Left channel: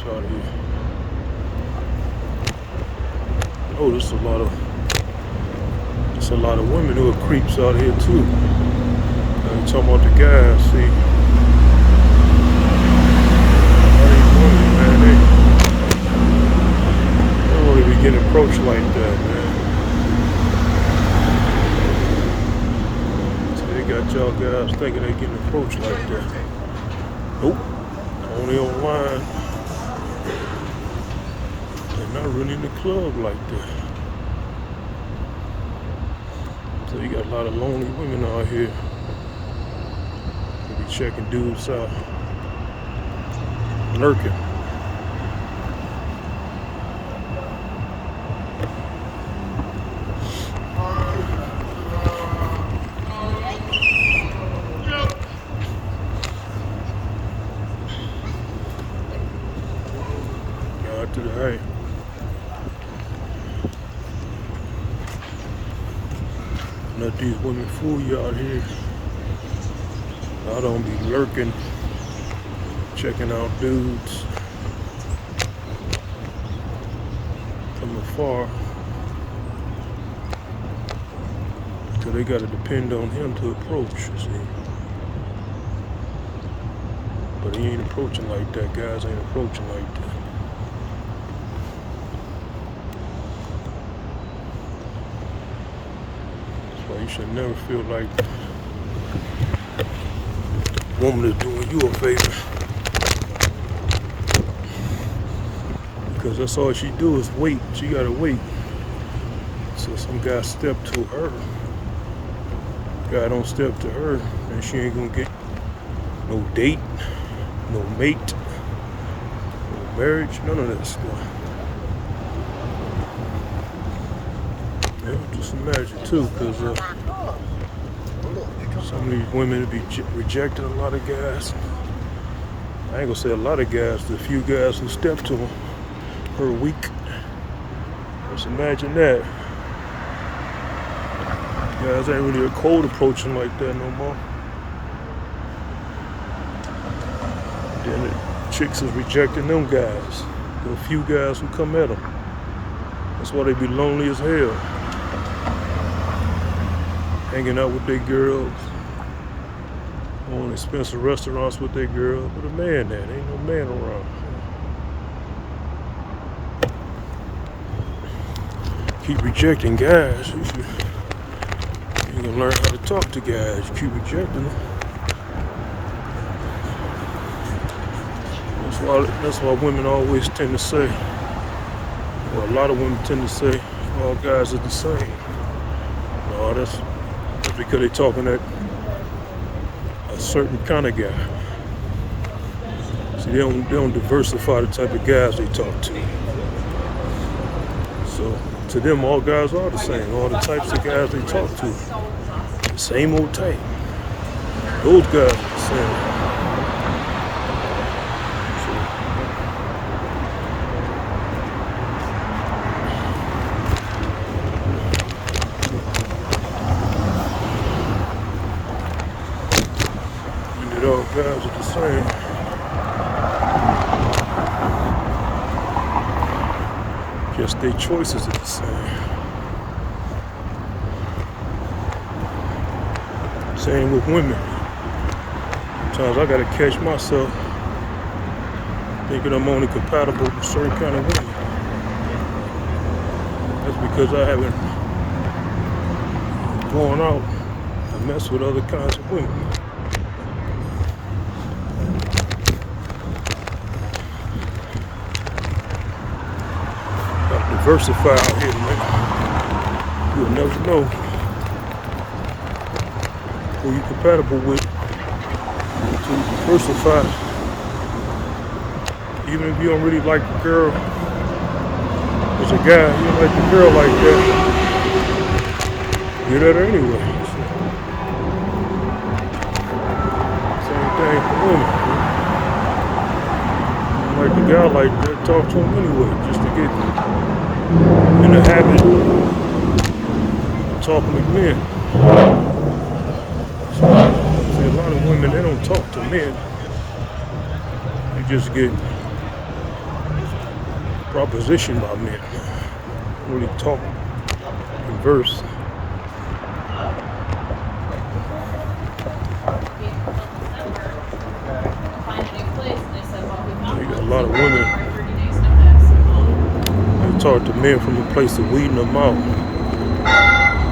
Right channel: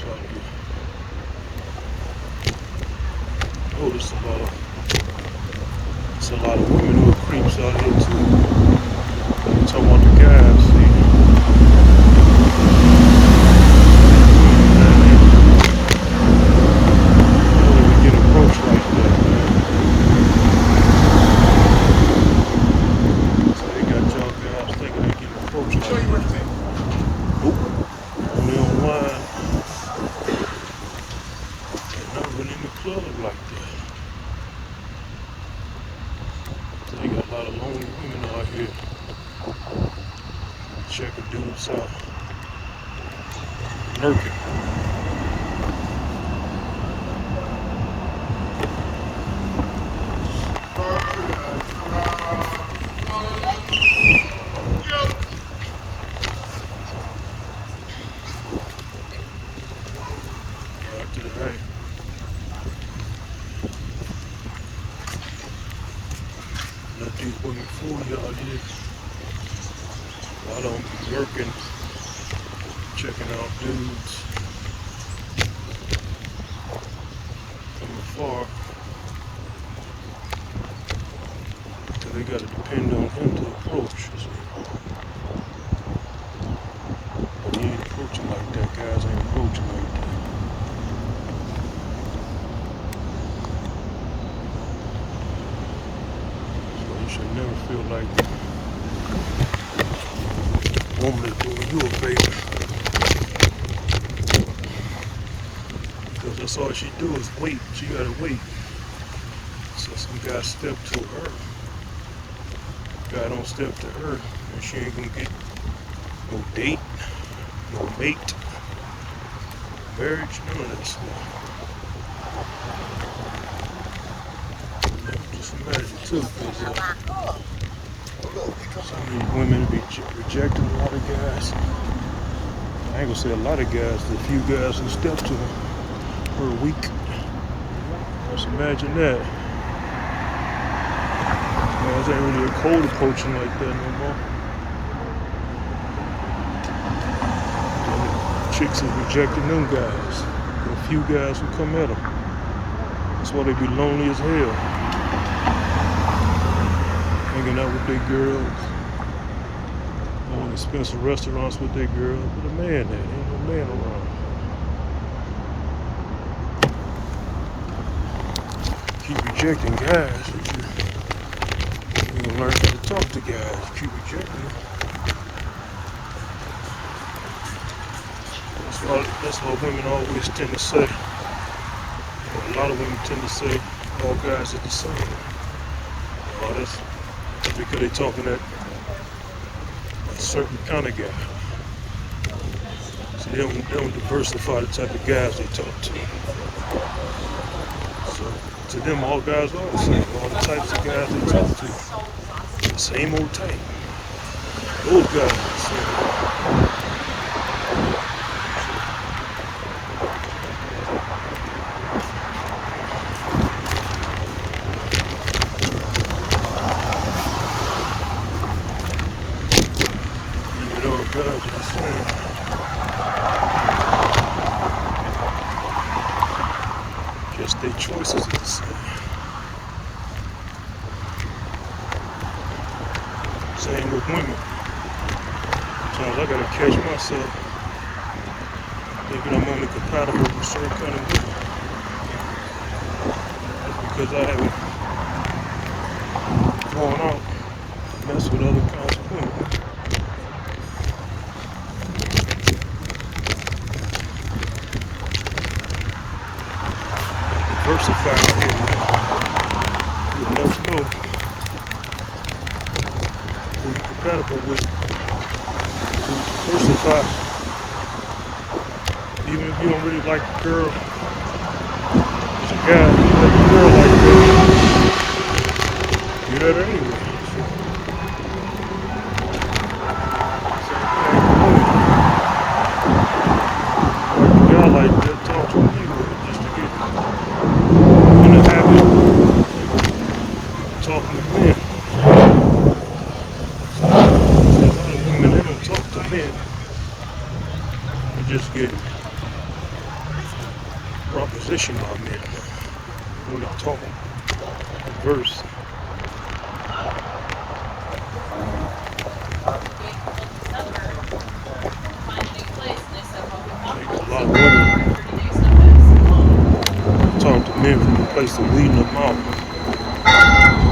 creeps out here. Oh, there's a lot of women who are creeps out here too. When we talking about the guys, see, you know, we get approached like that, man. So we got y'all guys thinking they getting approached like that. Nope, only online. They're not really in the club like that. So you got a lot of lonely women out here who be checking dudes out, lurking. God to the hey. Let these women fool you out here. I don't be lurking, checking out dudes from afar. So they gotta depend on him to approach. See? But he ain't approaching like that. Guys ain't approaching like that. So you should never feel like a woman is doing you a favor. Because that's all she do is wait. She gotta wait. So some guy step to her. Guy don't step to her, and she ain't gonna get no date, no mate, no marriage, none of that stuff. Just imagine too, because some of these women be rejecting a lot of guys. I ain't gonna say a lot of guys, the few guys who step to them per week. Just imagine that. Guys ain't really a cold approaching like that no more. Then the chicks is rejecting them guys. The few guys who come at them. That's why they be lonely as hell. Hanging out with their girls. Going to expensive restaurants with their girls. With a man there. Ain't no man around. Keep rejecting guys. You're gonna learn how to talk to guys. Keep rejecting them. That's why women always tend to say, or a lot of women tend to say, all guys are the same. No, that's because they're talking at a certain kind of guy. So they don't diversify the type of guys they talk to. So to them, all guys are the same. All the types of guys they talk to. Same old type. Those guys are the same. All guys are the same. Just their choices are the same. Same with women. Sometimes I gotta catch myself thinking I'm only compatible with certain kind of women. That's because I haven't gone out and messed with other kinds of women. Diversify here, man. You'll never know who you're compatible with until you diversify. Even if you don't really like the girl, there's a guy who like the girl like that. Get her anyway. Same thing for me. Like the guy like that, talk to him anyway, just to get in the habit of talking to men. So a lot of women, they don't talk to men. They just get proposition by men. When we talk in verse, a lot of women talk to men from the place of weeding them out.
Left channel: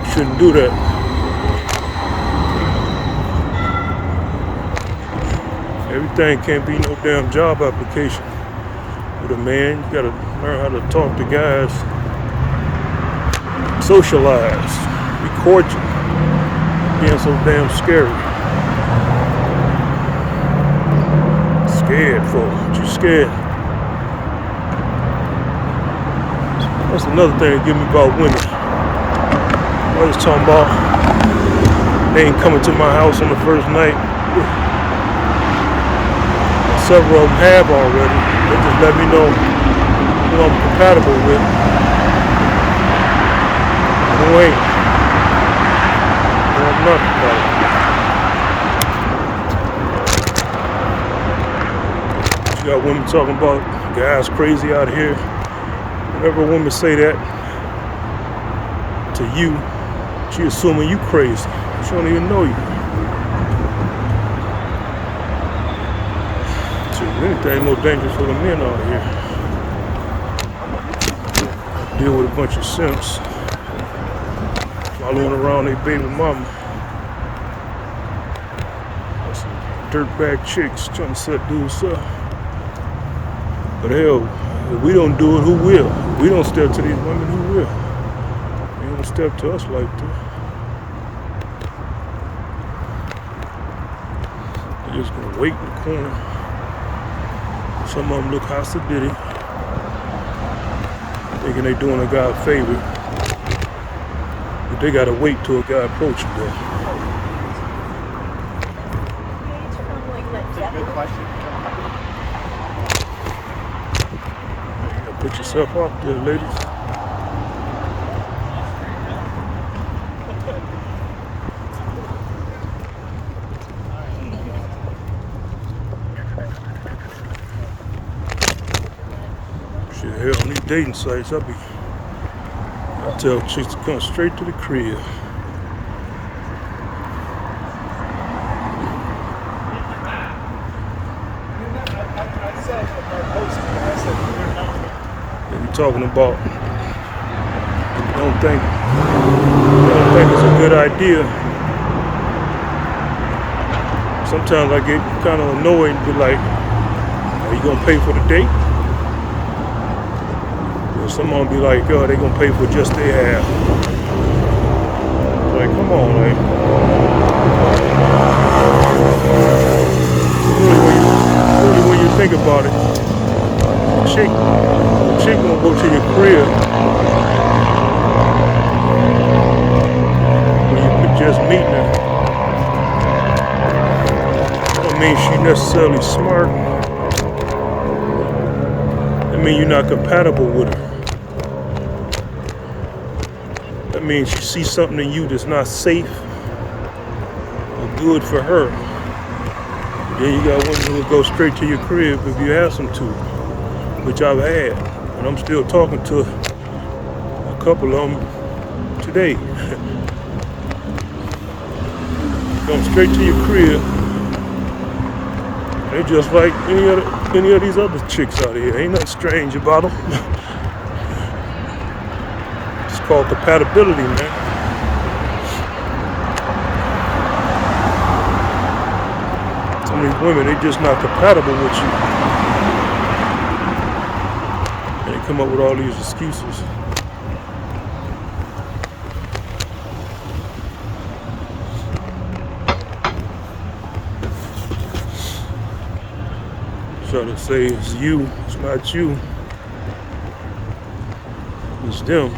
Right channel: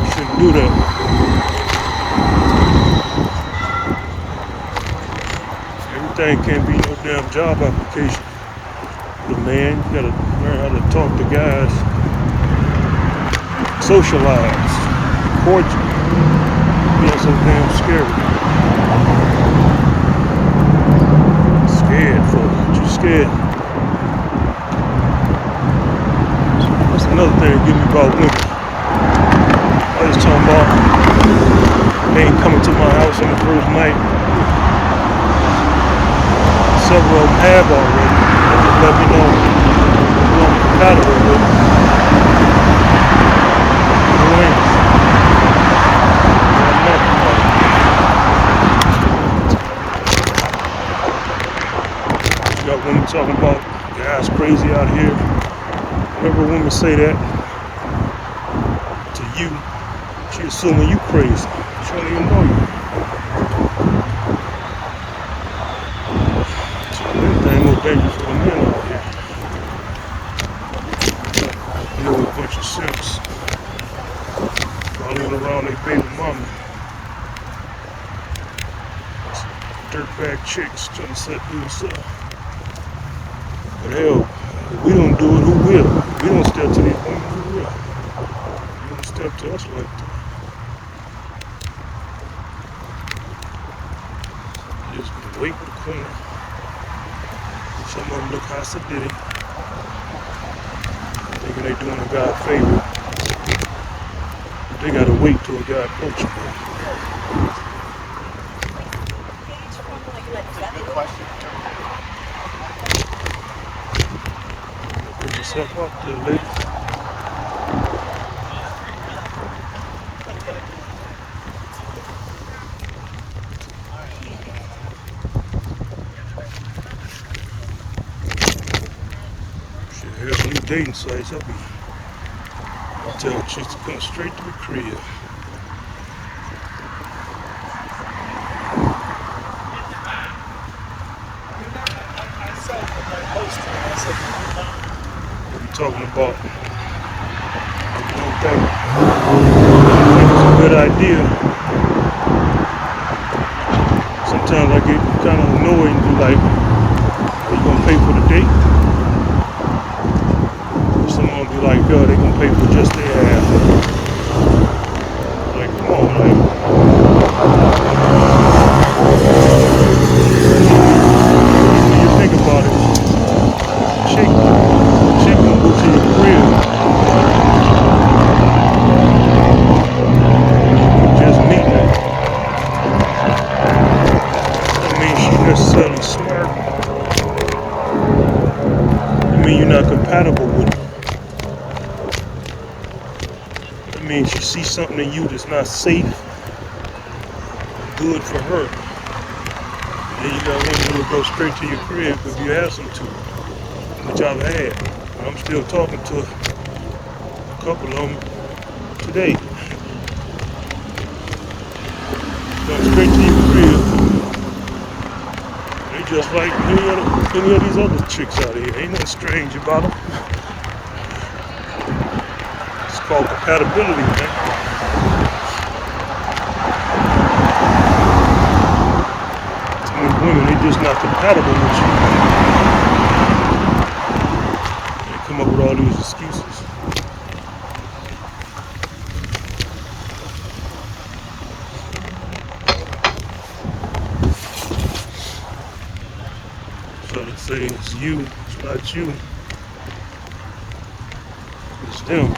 You shouldn't do that. Everything can't be no damn job application. With a man, you gotta learn how to talk to guys, socialize, be cordial. Being so damn scary. Scared for what you scared. That's another thing that get me about women. I was talking about they ain't coming to my house on the first night. Several of them have already. They just let me know who I'm compatible with. Who ain't. I'm not compatible. You got women talking about guys crazy out here. Whenever a woman say that to you, she assuming you crazy. She don't even know you. Ain't no danger for the men out here. Deal with a bunch of simps. Following around their baby mama. That's some dirtbag chicks trying to set dudes up. But hell, if we don't do it, who will? We don't step to these women, who will? They don't step to us like that. They're just gonna wait in the corner. Some of them look hostile, thinking they're doing a guy a favor, but they gotta wait till a guy approaches them. That's a good question. Put yourself out there, ladies. Hell, on these dating sites, I tell chicks to come straight to the crib. We're talking about, I don't think it's a good idea. Sometimes I get kind of annoyed and be like, are you gonna pay for the date? Someone be like, oh, they gonna pay for just their ass. Like, come on, man. When you think about it, chick gonna go to your crib. You just meeting her. That means she necessarily smart. That means you're not compatible with her. That means she sees something in you that's not safe or good for her. Then you got women that go straight to your crib if you ask them to, which I've had. And I'm still talking to a couple of them today. Come straight to your crib. They're just like any of these other chicks out here. Ain't nothing strange about them. It's called compatibility, man. Some of these women, they're just not compatible with you. They come up with all these excuses. Try to say it's you, it's not you. It's them.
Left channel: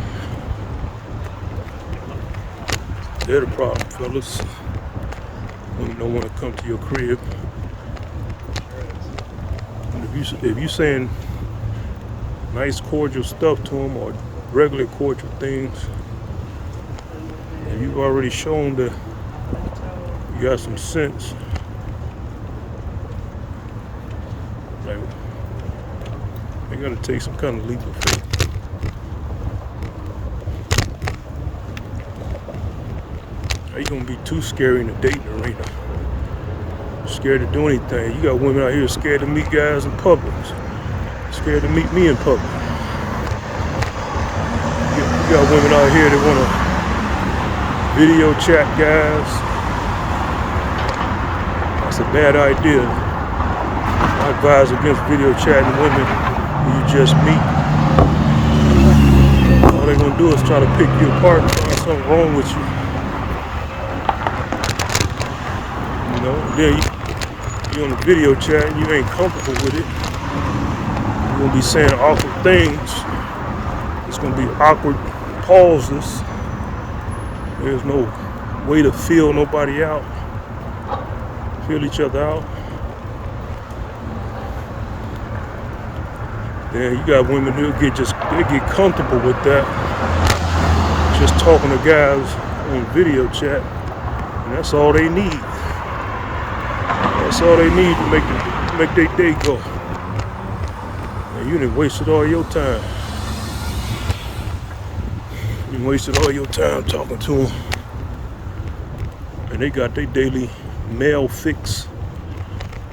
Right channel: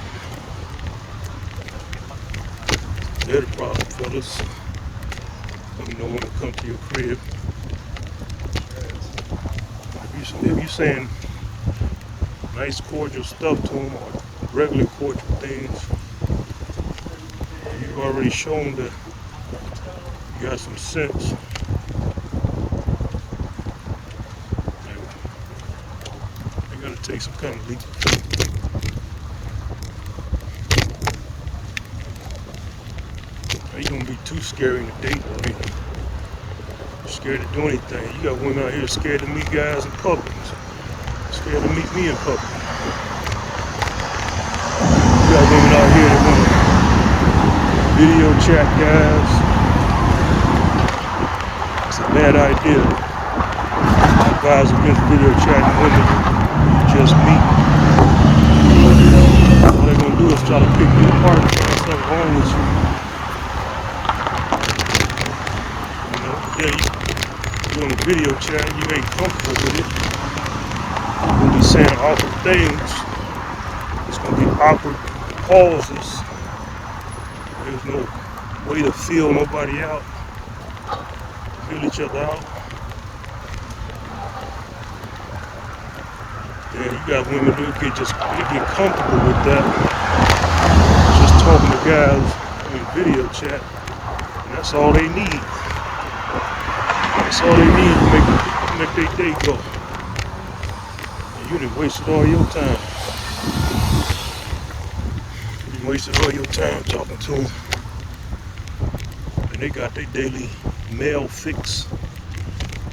They're the problem, fellas. They don't want to come to your crib. And if you saying nice cordial stuff to them or regular cordial things, and you've already shown that you got some sense, You gotta take some kind of leap of faith. How you gonna be too scary in the dating arena? Scared to do anything. You got women out here scared to meet guys in public. Scared to meet me in public. You got women out here that want to video chat guys. It's a bad idea. I advise against video chatting women who you just meet. All they're gonna do is try to pick you apart. There's something wrong with you. You know, yeah, you're in a video chat, you ain't comfortable with it. You're gonna be saying awkward things. It's gonna be awkward pauses. There's no way to feel nobody out, feel each other out. Yeah, you got women who get comfortable with that, just talking to guys on video chat, and that's all they need. That's all they need to make their day go. And you done wasted all your time. You wasted all your time talking to them. And they got their daily mail fix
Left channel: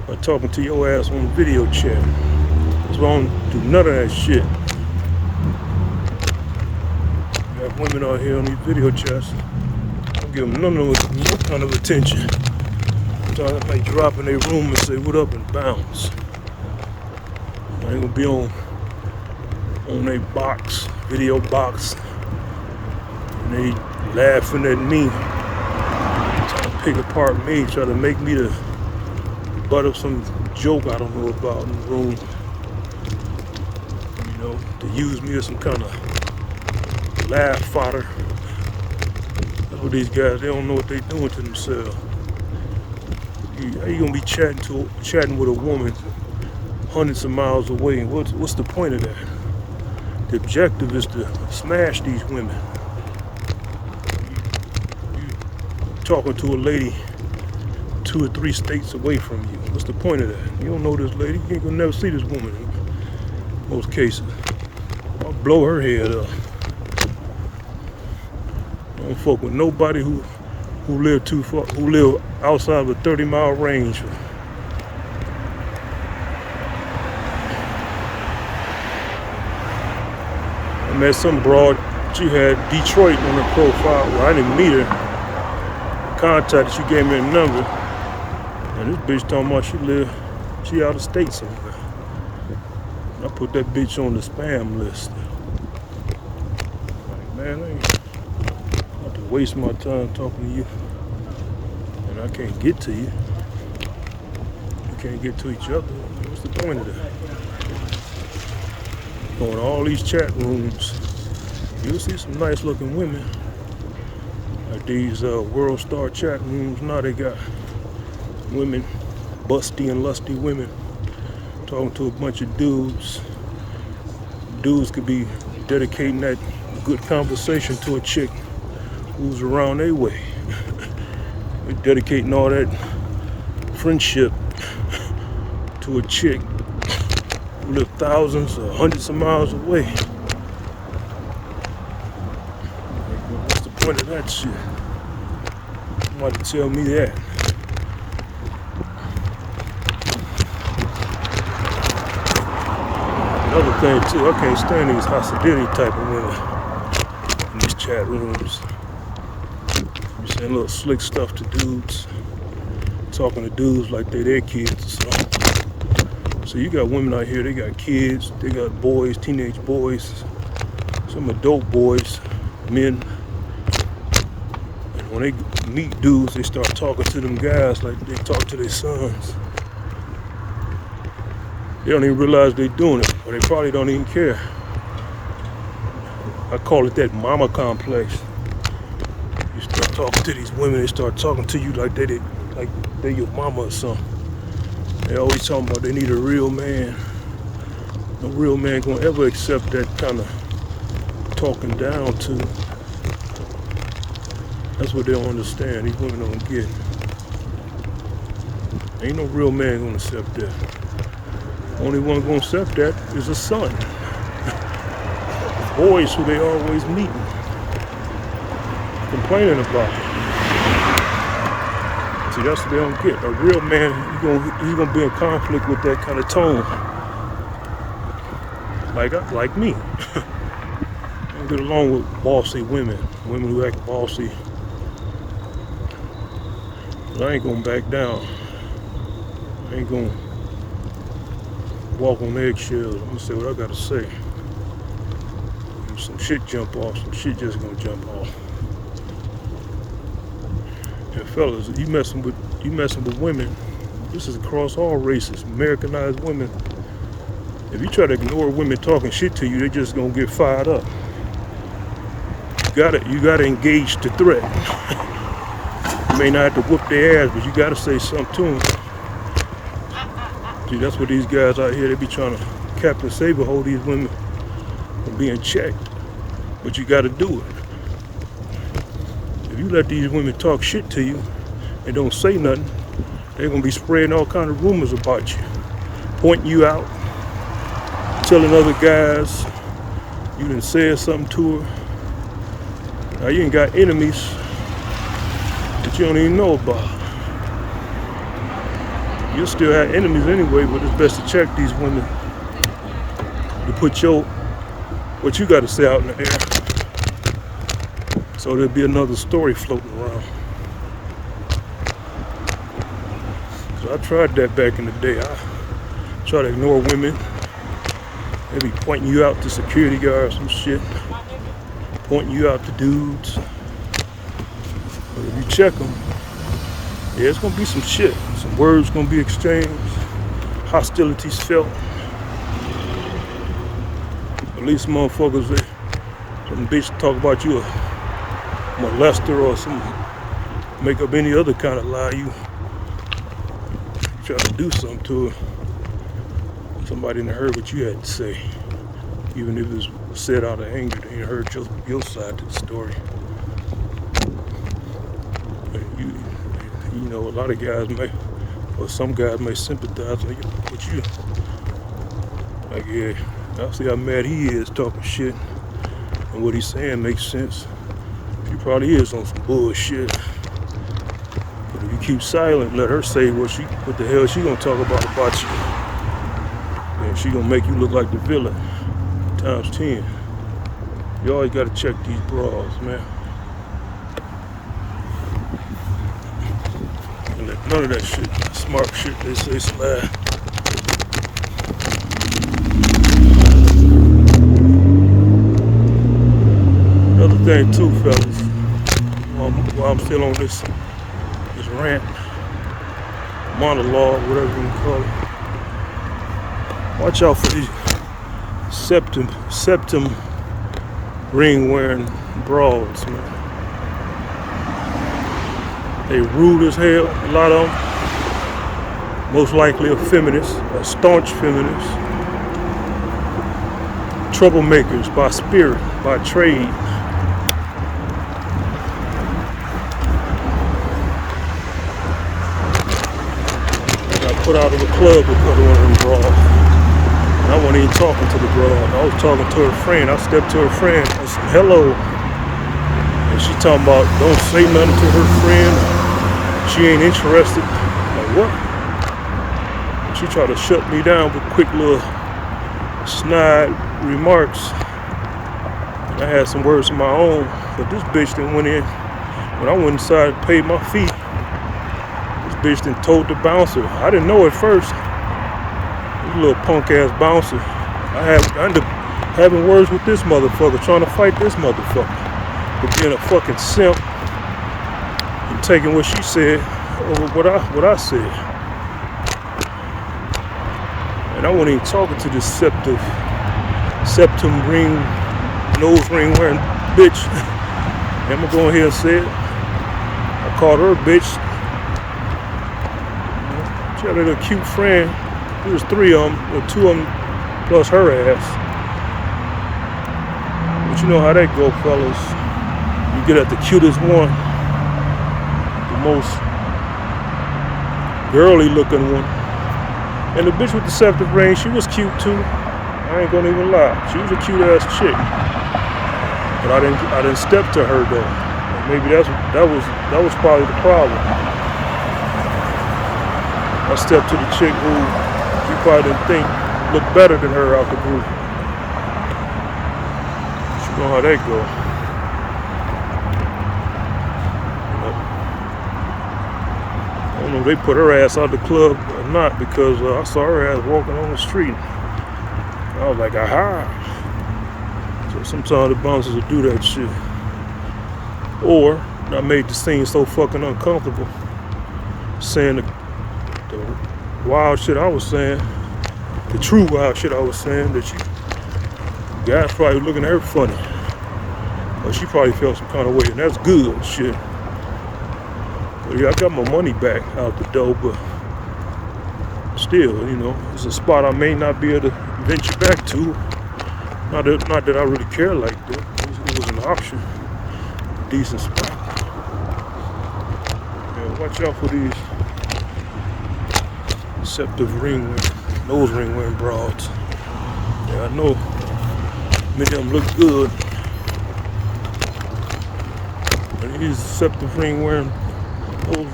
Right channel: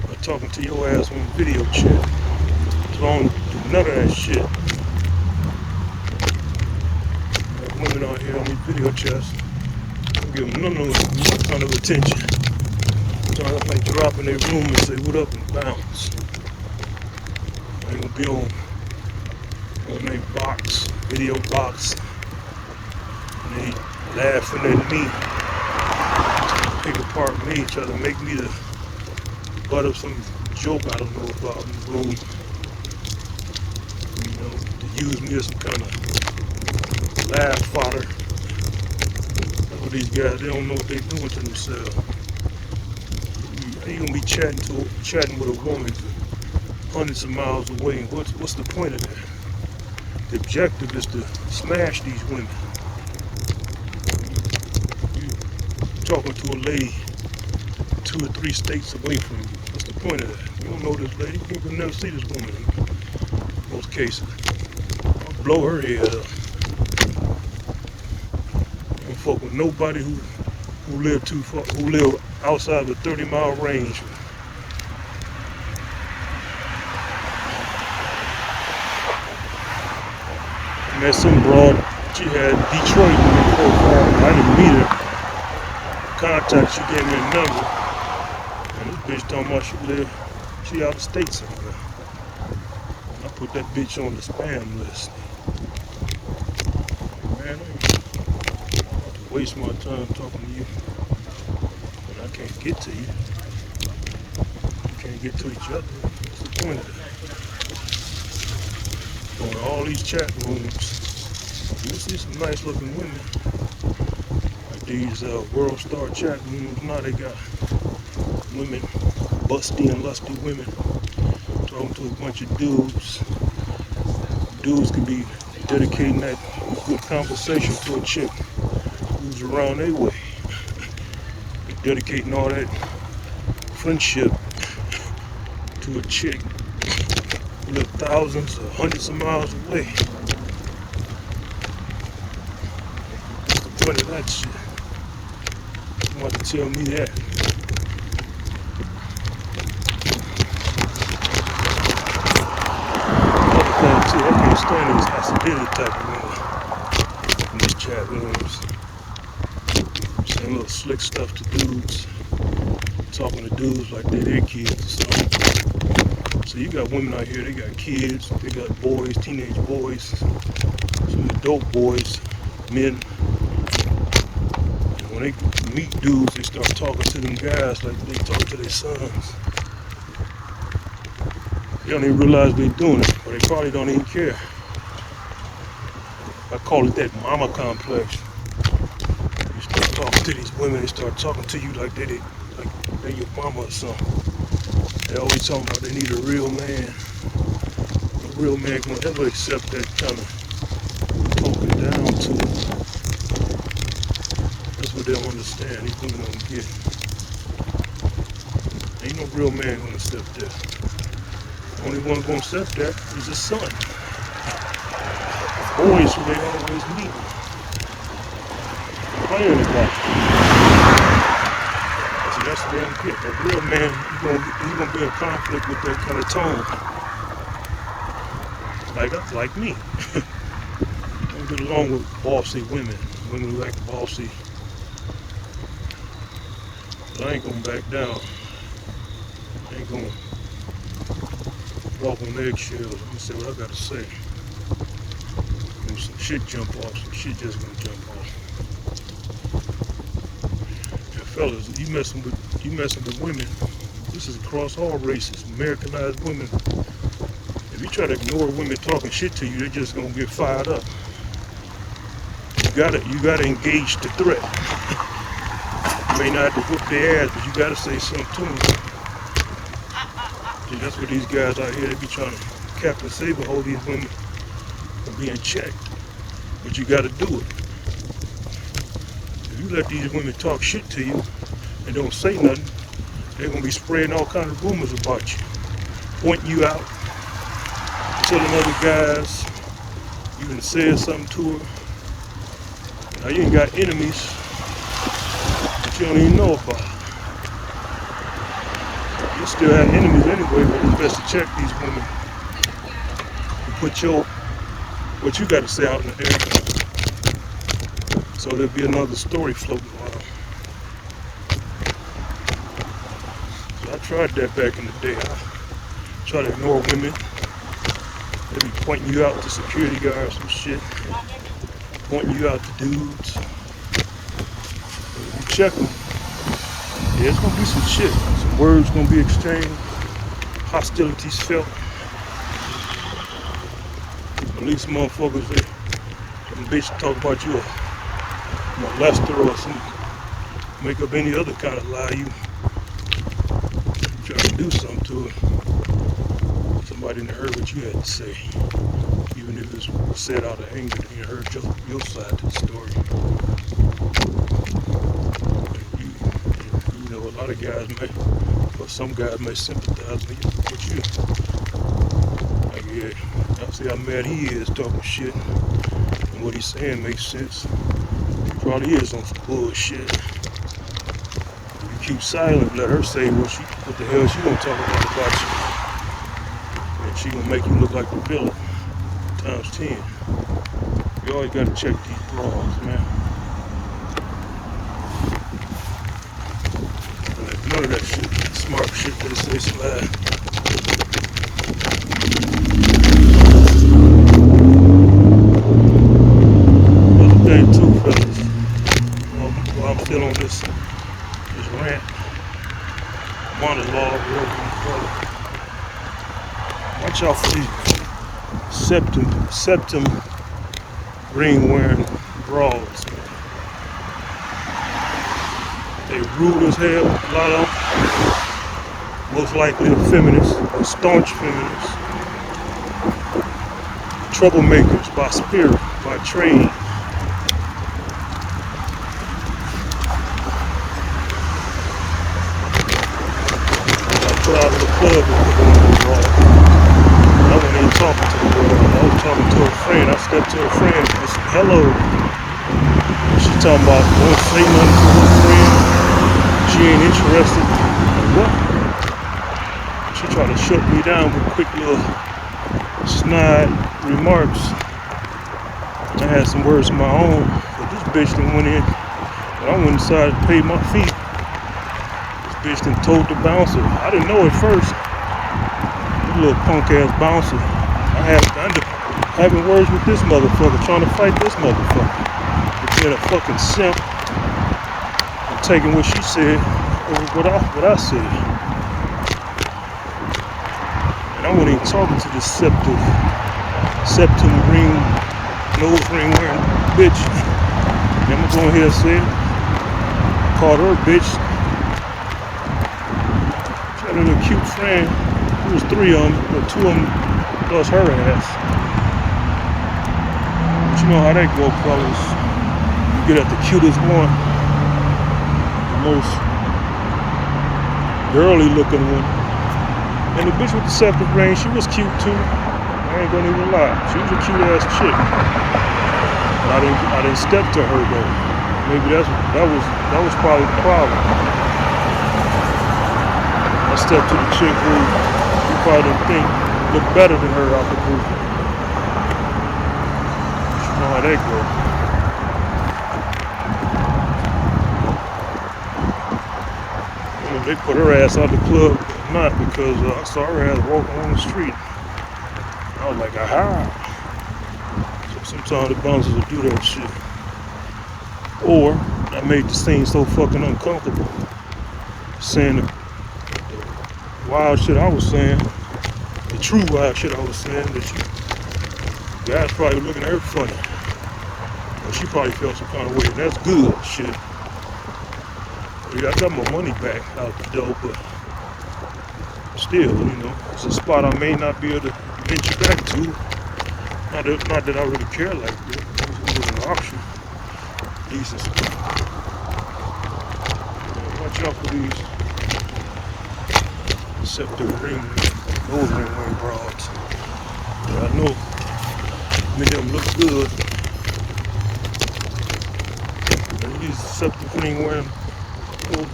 by talking to your ass on video chat. That's why I don't do none of that shit. You got women out here on these video chats. Don't give them no kind of attention. I might drop in their room and say what up and bounce. I ain't gonna be on their box, video box, and they laughing at me, trying to pick apart me, trying to make me the butt of some joke I don't know about in the room. You know, to use me as some kind of laugh fodder. That's what these guys, they don't know what they're doing to themselves. How you gonna be chatting with a woman hundreds of miles away? And what's the point of that? The objective is to smash these women. You talking to a lady 2 or 3 states away from you. What's the point of that? You don't know this lady. You're gonna never see this woman in those cases. I'll blow her head up. I don't fuck with nobody who live too far, who live outside of a 30-mile range. I met some broad, she had Detroit in her profile. I didn't meet her. Contact, she gave me a number. And this bitch talking about she out of state somewhere. I put that bitch on the spam list. Man, I have to waste my time talking to you. I can't get to you. We can't get to each other. What's the point of that? On all these chat rooms, you'll see some nice looking women. Like these World Star chat rooms, now they got women, busty and lusty women, talking to a bunch of dudes. Dudes could be dedicating that good conversation to a chick who's around their way. Dedicating all that friendship to a chick who lives thousands or hundreds of miles away. What's the point of that shit? You want to tell me that? Another thing too, I can't stand these hostility type of women in these chat rooms. Saying little slick stuff to dudes, talking to dudes like they're their kids or something. So you got women out here, they got kids, they got boys, teenage boys, some adult boys, men. And when they meet dudes, they start talking to them guys like they talk to their sons. They don't even realize they're doing it, or they probably don't even care. I call it that mama complex. Talking to these women, they start talking to you like they're your mama or something. They always talking about they need a real man. A real man gonna ever accept that kind of talking down to. That's what they don't understand. These women don't get it. Ain't no real man gonna accept that. Only one gonna accept that is his son. Boys who they always meet, complaining about. See, that's what I'm getting. A real man, he gonna be in conflict with that kind of tone. Like me. I don't get along with bossy women who act bossy. But I ain't gonna back down. I ain't gonna walk on eggshells. I'm gonna say what I gotta say. When some shit jump off, some shit just gonna jump off. And fellas, you messing with women, this is across all races, Americanized women. If you try to ignore women talking shit to you, they're just gonna get fired up. You gotta engage the threat. You may not have to whip their ass, but you gotta say something to them. See, that's what these guys out here, they be trying to Captain Saber hold these women being checked. But you gotta do it. If you let these women talk shit to you and don't say nothing, they're gonna be spraying all kind of rumors about you, pointing you out, telling other guys you done said something to her. Now you ain't got enemies that you don't even know about. You still have enemies anyway, but it's best to check these women. You put what you got to say out in the air, so there'll be another story floating around. So I tried that back in the day. I try to ignore women. They be pointing you out to security guards and shit, pointing you out to dudes. And if you check them, yeah, it's gonna be some shit. Some words gonna be exchanged, hostilities felt. At least motherfuckers, some bitch talk about you a molester or some, make up any other kind of lie. You try to do something to her. Somebody didn't heard what you had to say. Even if it was said out of anger, they ain't heard your side to the story. You know, a lot of guys or some guys may sympathize with you. Like, yeah, I see how mad he is talking shit. And what he's saying makes sense. He probably is on some bullshit. But if you keep silent, let her say what the hell she gonna talk about you. And she gonna make you look like the villain times 10. You always gotta check these bras, man. None of that shit, smart shit, they say slide. Another thing too, fellas, while I'm still on this rant, monologue, whatever you call it. Watch out for these septum ring wearing bras, man. They rude as hell, a lot of them. Most likely a feminist, or staunch feminists. Troublemakers by spirit, by trade. I put out of the club with one of them bras. I wasn't even talking to the girl. I was talking to a friend. I stepped to a friend. I said, hello. And she talking about, don't say nothing to her friend. She ain't interested. Like, what? She tried to shut me down with quick little snide remarks. And I had some words of my own, but this bitch done went in. When I went inside and paid my fee, this bitch done told the bouncer. I didn't know at first. This little punk ass bouncer. I ended up having words with this motherfucker, trying to fight this motherfucker. For being a fucking simp. Taking what she said over what I said. And I wasn't even talking to this septum ring, nose ring wearing bitch. And I'm gonna go ahead and say it. I called her a bitch. She had a little cute friend. There was 3 of them, or 2 of them plus her ass. But you know how that go, fellas. You get at the cutest one. Most girly looking one, And the bitch with the septic ring, she was cute too. I ain't gonna even lie. She was a cute ass chick. But I didn't step to her though. Maybe that was probably the problem. I stepped to the chick who you probably didn't think looked better than her out the group. You know how they go. I don't know if they put her ass out the club or not because I saw her ass walking on the street. I was like, aha. So sometimes the bouncers will do that shit. Or I made the scene so fucking uncomfortable saying the wild shit I was saying, the true wild shit I was saying, that the guys probably looking at her funny. Or she probably felt some kind of way, and that's good shit. But yeah, I got my money back out the door, but still, it's a spot I may not be able to venture back to. Not that I really care like that. It was an option. Decent spot. Watch out for these septic nose ring wearing brides. Yeah, I know many of them look good. These septic nose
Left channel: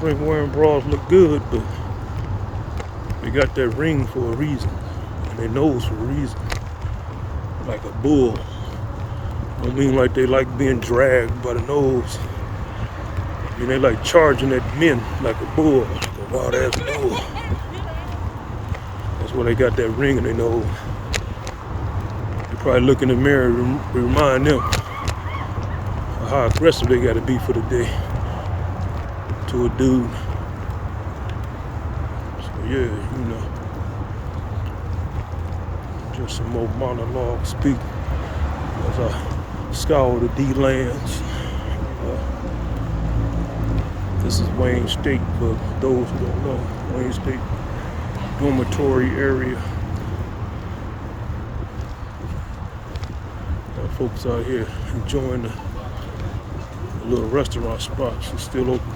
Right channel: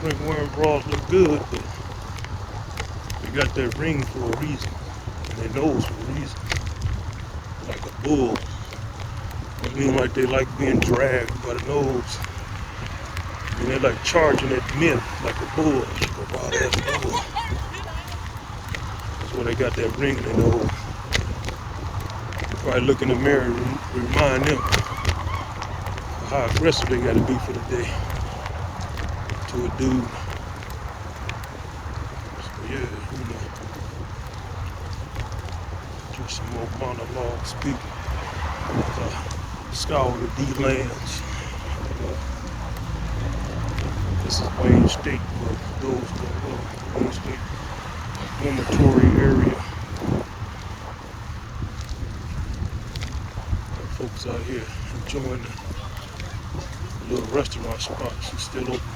ring wearing brides look good, but they got that ring for a reason. And their nose for a reason. Like a bull. I mean like they like being dragged by the nose. And they like charging at men like a bull, like a wild ass bull. That's why they got that ring in their nose. You probably look in the mirror and remind them how aggressive they gotta be for the day to a dude. So yeah, just some more monologue speak as I scour the D-lands. This is Wayne State for those that don't know. Wayne State dormitory area. Got folks out here enjoying the little restaurant spot. She's still open.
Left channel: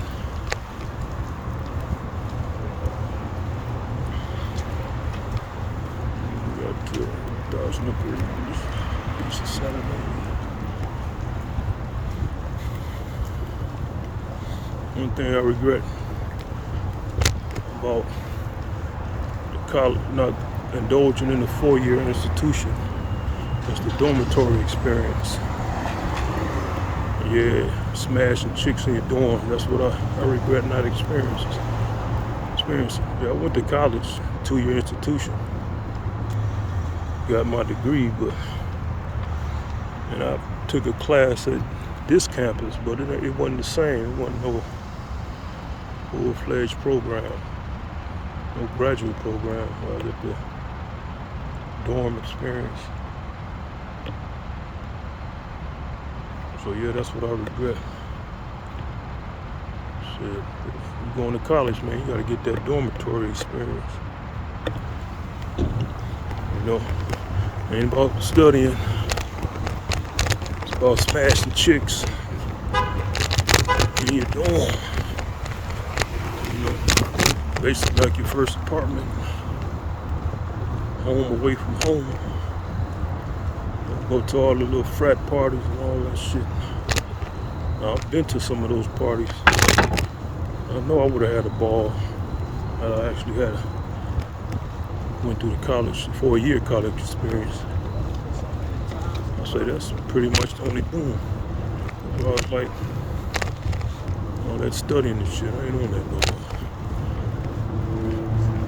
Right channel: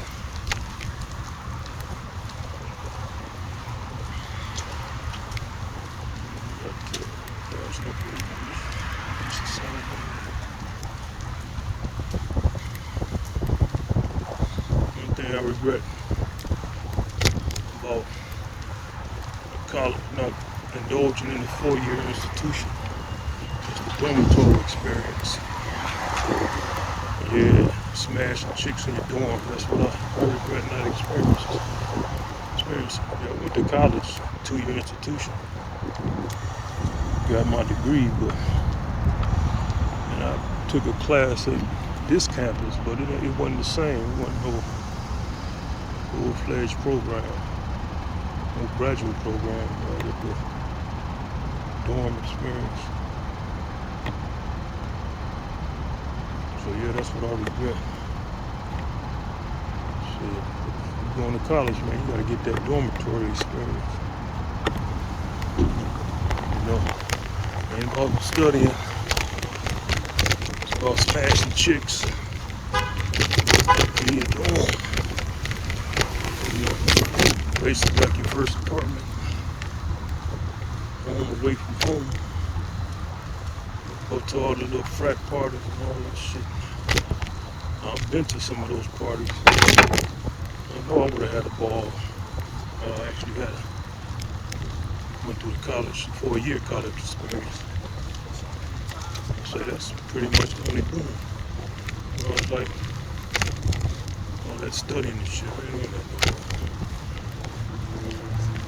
One thing I regret about the college not indulging in a 4-year institution is the dormitory experience. Yeah, smashing chicks in your dorm. That's what I regret not experiencing. Yeah, I went to college, 2-year institution. Got my degree, but I took a class at this campus, but it wasn't the same. It wasn't no full-fledged program, no graduate program. I got the dorm experience. So yeah, that's what I regret. Shit, if you're going to college, man, you gotta get that dormitory experience. Ain't about studying. It's about smashing chicks. Yeah, basically like your first apartment. Home away from home. Go to all the little frat parties and all that shit. I've been to some of those parties. I know I would have had a ball. I actually went through the college, 4-year college experience. So that's pretty much the only boom. So I was like, all that studying and shit, I ain't on that no more.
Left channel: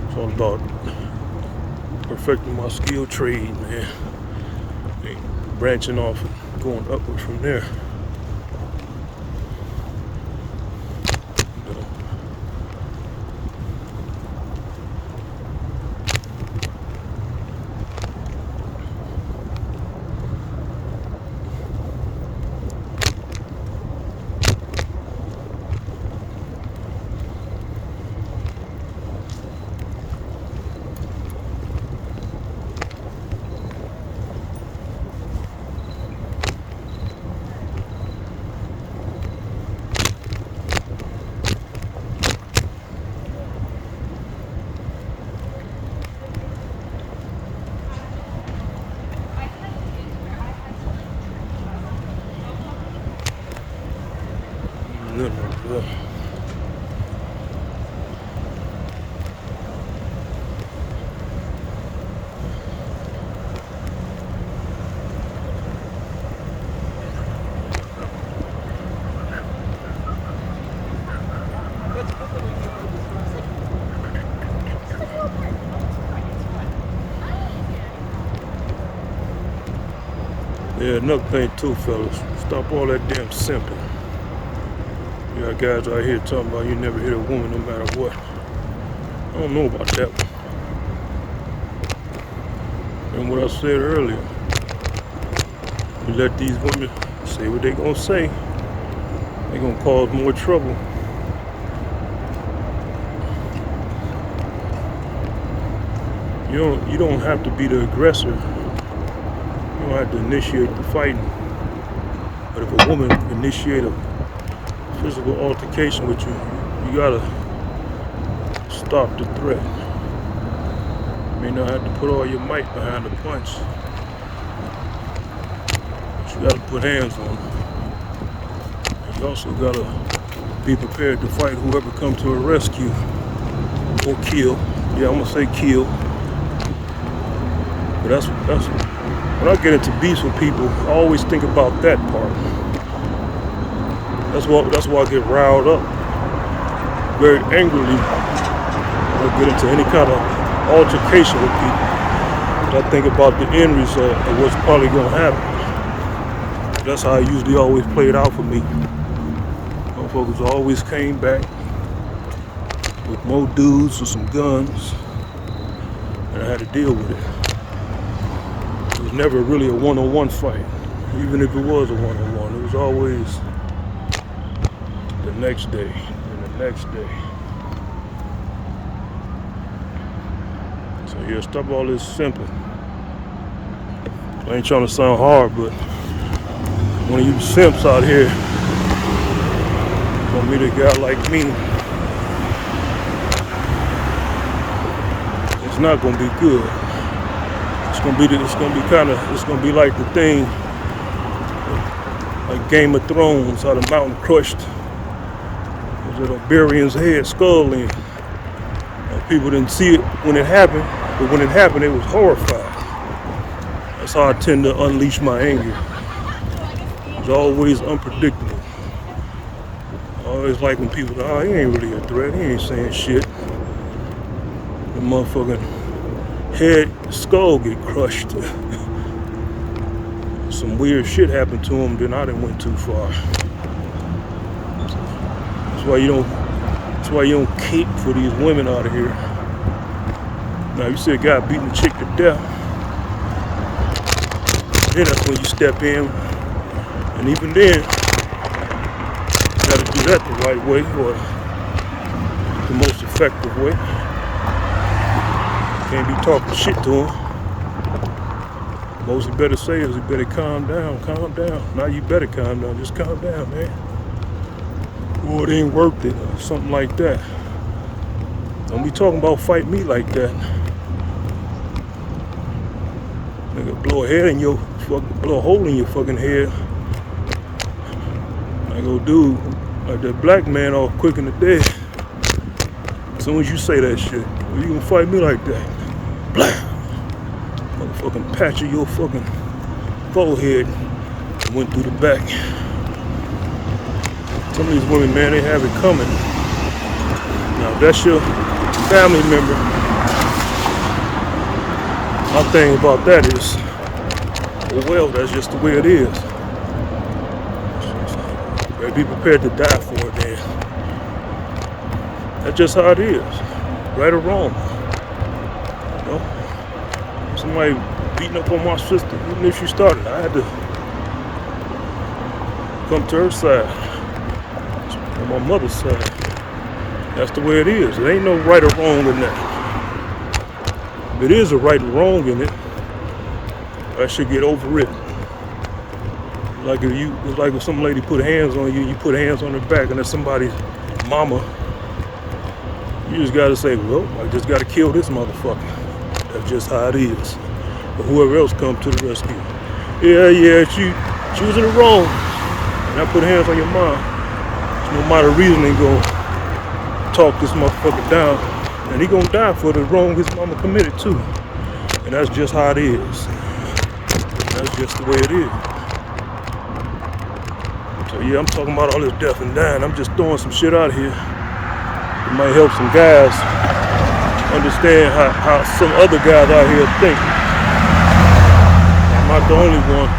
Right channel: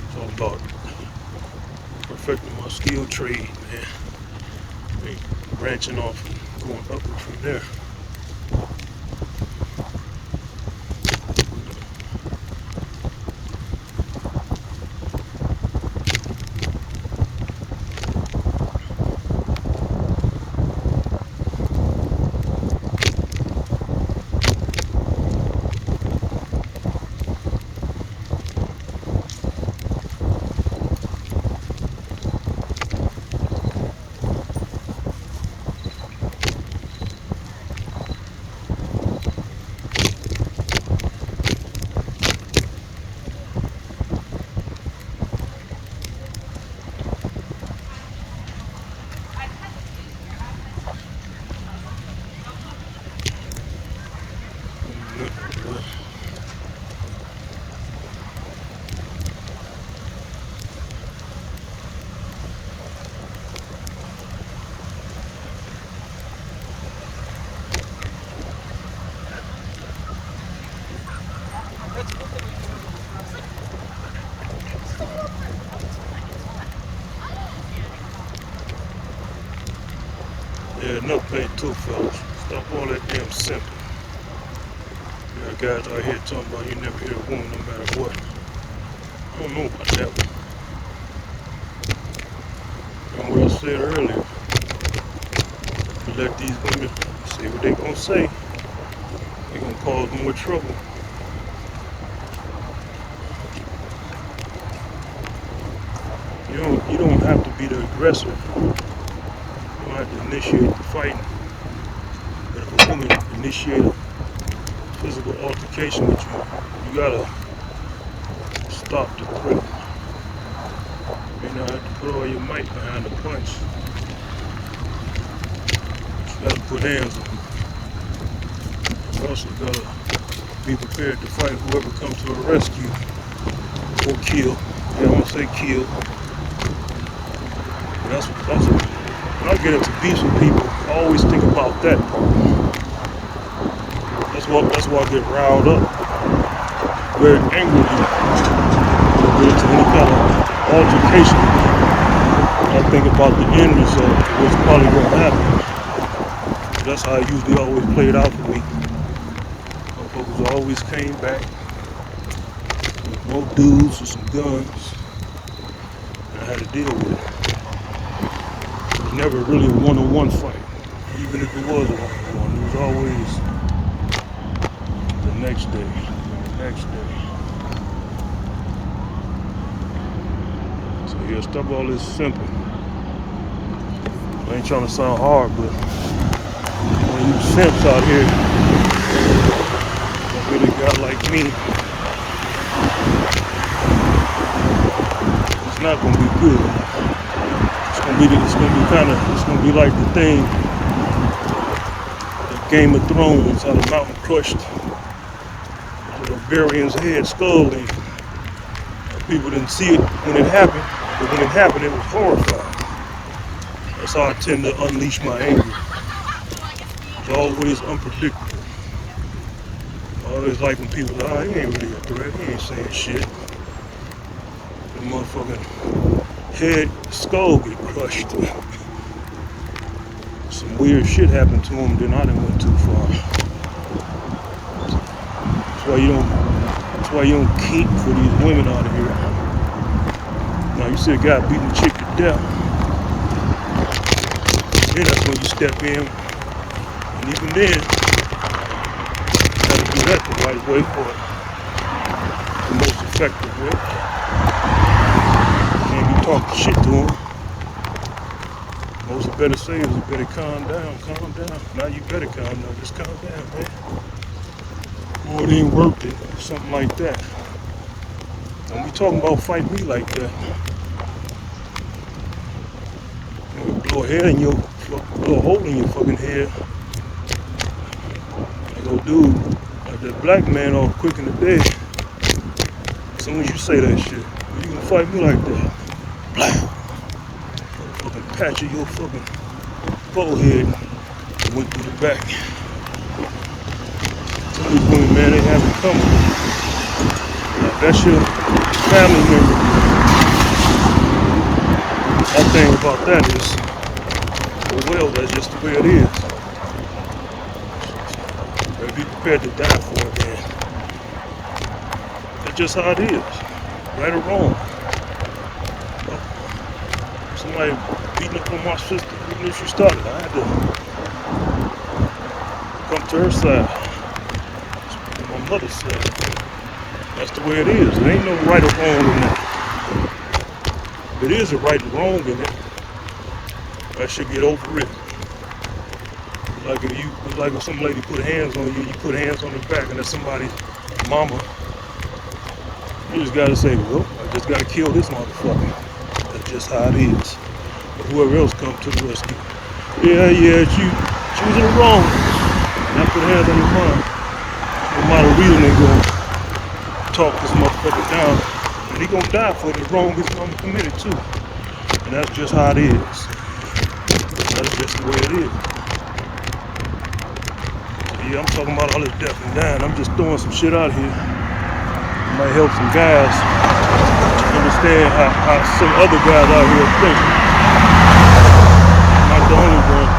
It's all about perfecting my skill trade, man. And branching off and going upward from there. Yeah, another thing too, fellas. Stop all that damn simping. You got guys out here talking about you never hit a woman no matter what. I don't know about that. And what I said earlier, you let these women say what they gonna say, they're gonna cause more trouble. You don't have to be the aggressor. You don't have to initiate the fighting. But if a woman initiate a physical altercation with you, you gotta stop the threat. You don't have to put all your might behind the punch. But you gotta put hands on it. You also gotta be prepared to fight whoever comes to arrest you or kill. Yeah, I'm gonna say kill. But when I get into beefs with people, I always think about that part. That's why I get riled up very angrily when I get into any kind of altercation with people. I think about the end result of what's probably going to happen. That's how it usually always played out for me. Motherfuckers always came back with more dudes with some guns, and I had to deal with it. It was never really a one-on-one fight. Even if it was a one-on-one, it was always the next day and the next day. So yeah, stop all this simple. I ain't trying to sound hard, but one of you simps out here, a really guy like me, it's not gonna be good. It's gonna be like the thing, like Game of Thrones, how the mountain crushed with a Barian's head, skull in. People didn't see it when it happened, but when it happened, it was horrifying. That's how I tend to unleash my anger. It's always unpredictable. I always like when people say, oh, he ain't really a threat, he ain't saying shit. The motherfucking head, skull get crushed. Some weird shit happened to him, then I done went too far. That's why you don't keep for these women out of here. Now you see a guy beating a chick to death. Yeah, that's when you step in. And even then, you gotta do that the right way for the most effective way. Can't be talking shit to him. Most you better say is you better calm down. Now you better calm down, just calm down, man. Or it ain't working, something like that. Don't be talking about fight me like that. I'm gonna blow a hair in your, blow a hole in your fucking head. I go, dude, like that black man all quick in the bed. As soon as you say that shit, you gonna fight me like that? Blah! Fucking patch of your fucking forehead and went through the back. Some of these women, man, they have it coming. Now, if that's your family member, my thing about that is, well, that's just the way it is. So be prepared to die for it, man. That's just how it is, right or wrong. Yeah? Somebody beating up on my sister, even if she started, I had to come to her side, on my mother's side. That's the way it is. There ain't no right or wrong in that. There is a right and wrong in it. I should get over it. It's like if some lady put hands on you, you put hands on her back, and that's somebody's mama. You just gotta say, well, I just gotta kill this motherfucker. That's just how it is. But whoever else comes to the rescue. Yeah, she was in the wrong. And I put hands on your mom. No matter reason, they gonna talk this motherfucker down. And he gonna die for the wrong his mama committed to. And that's just how it is. That's just the way it is. So yeah, I'm talking about all this death and dying. I'm just throwing some shit out here. It might help some guys understand how some other guys out here think. I'm not the only one.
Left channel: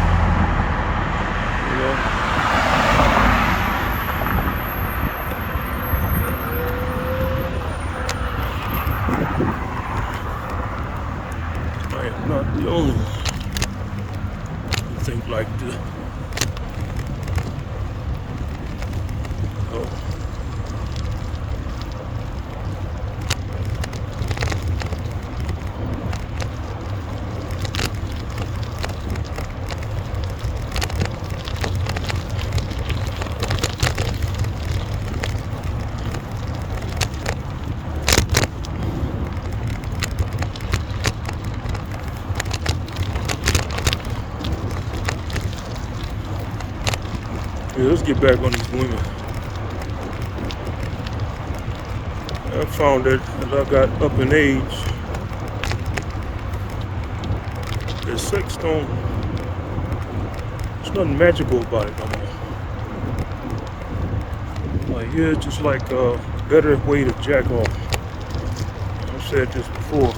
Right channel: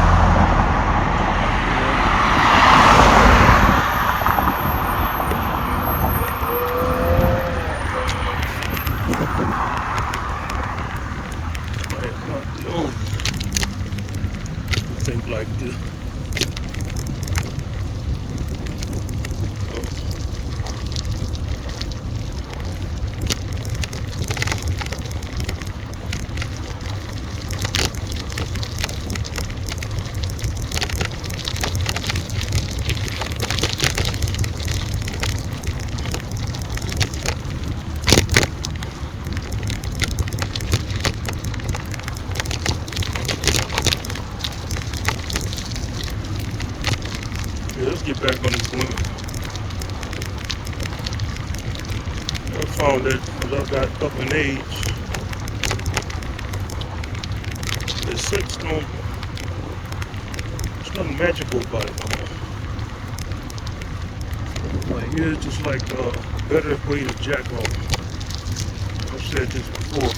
like this. Yeah, let's get back on these women. I found that as I got up in age, the sex don't, there's nothing magical about it no more. Like, yeah, it's just like a better way to jack off. I've said this before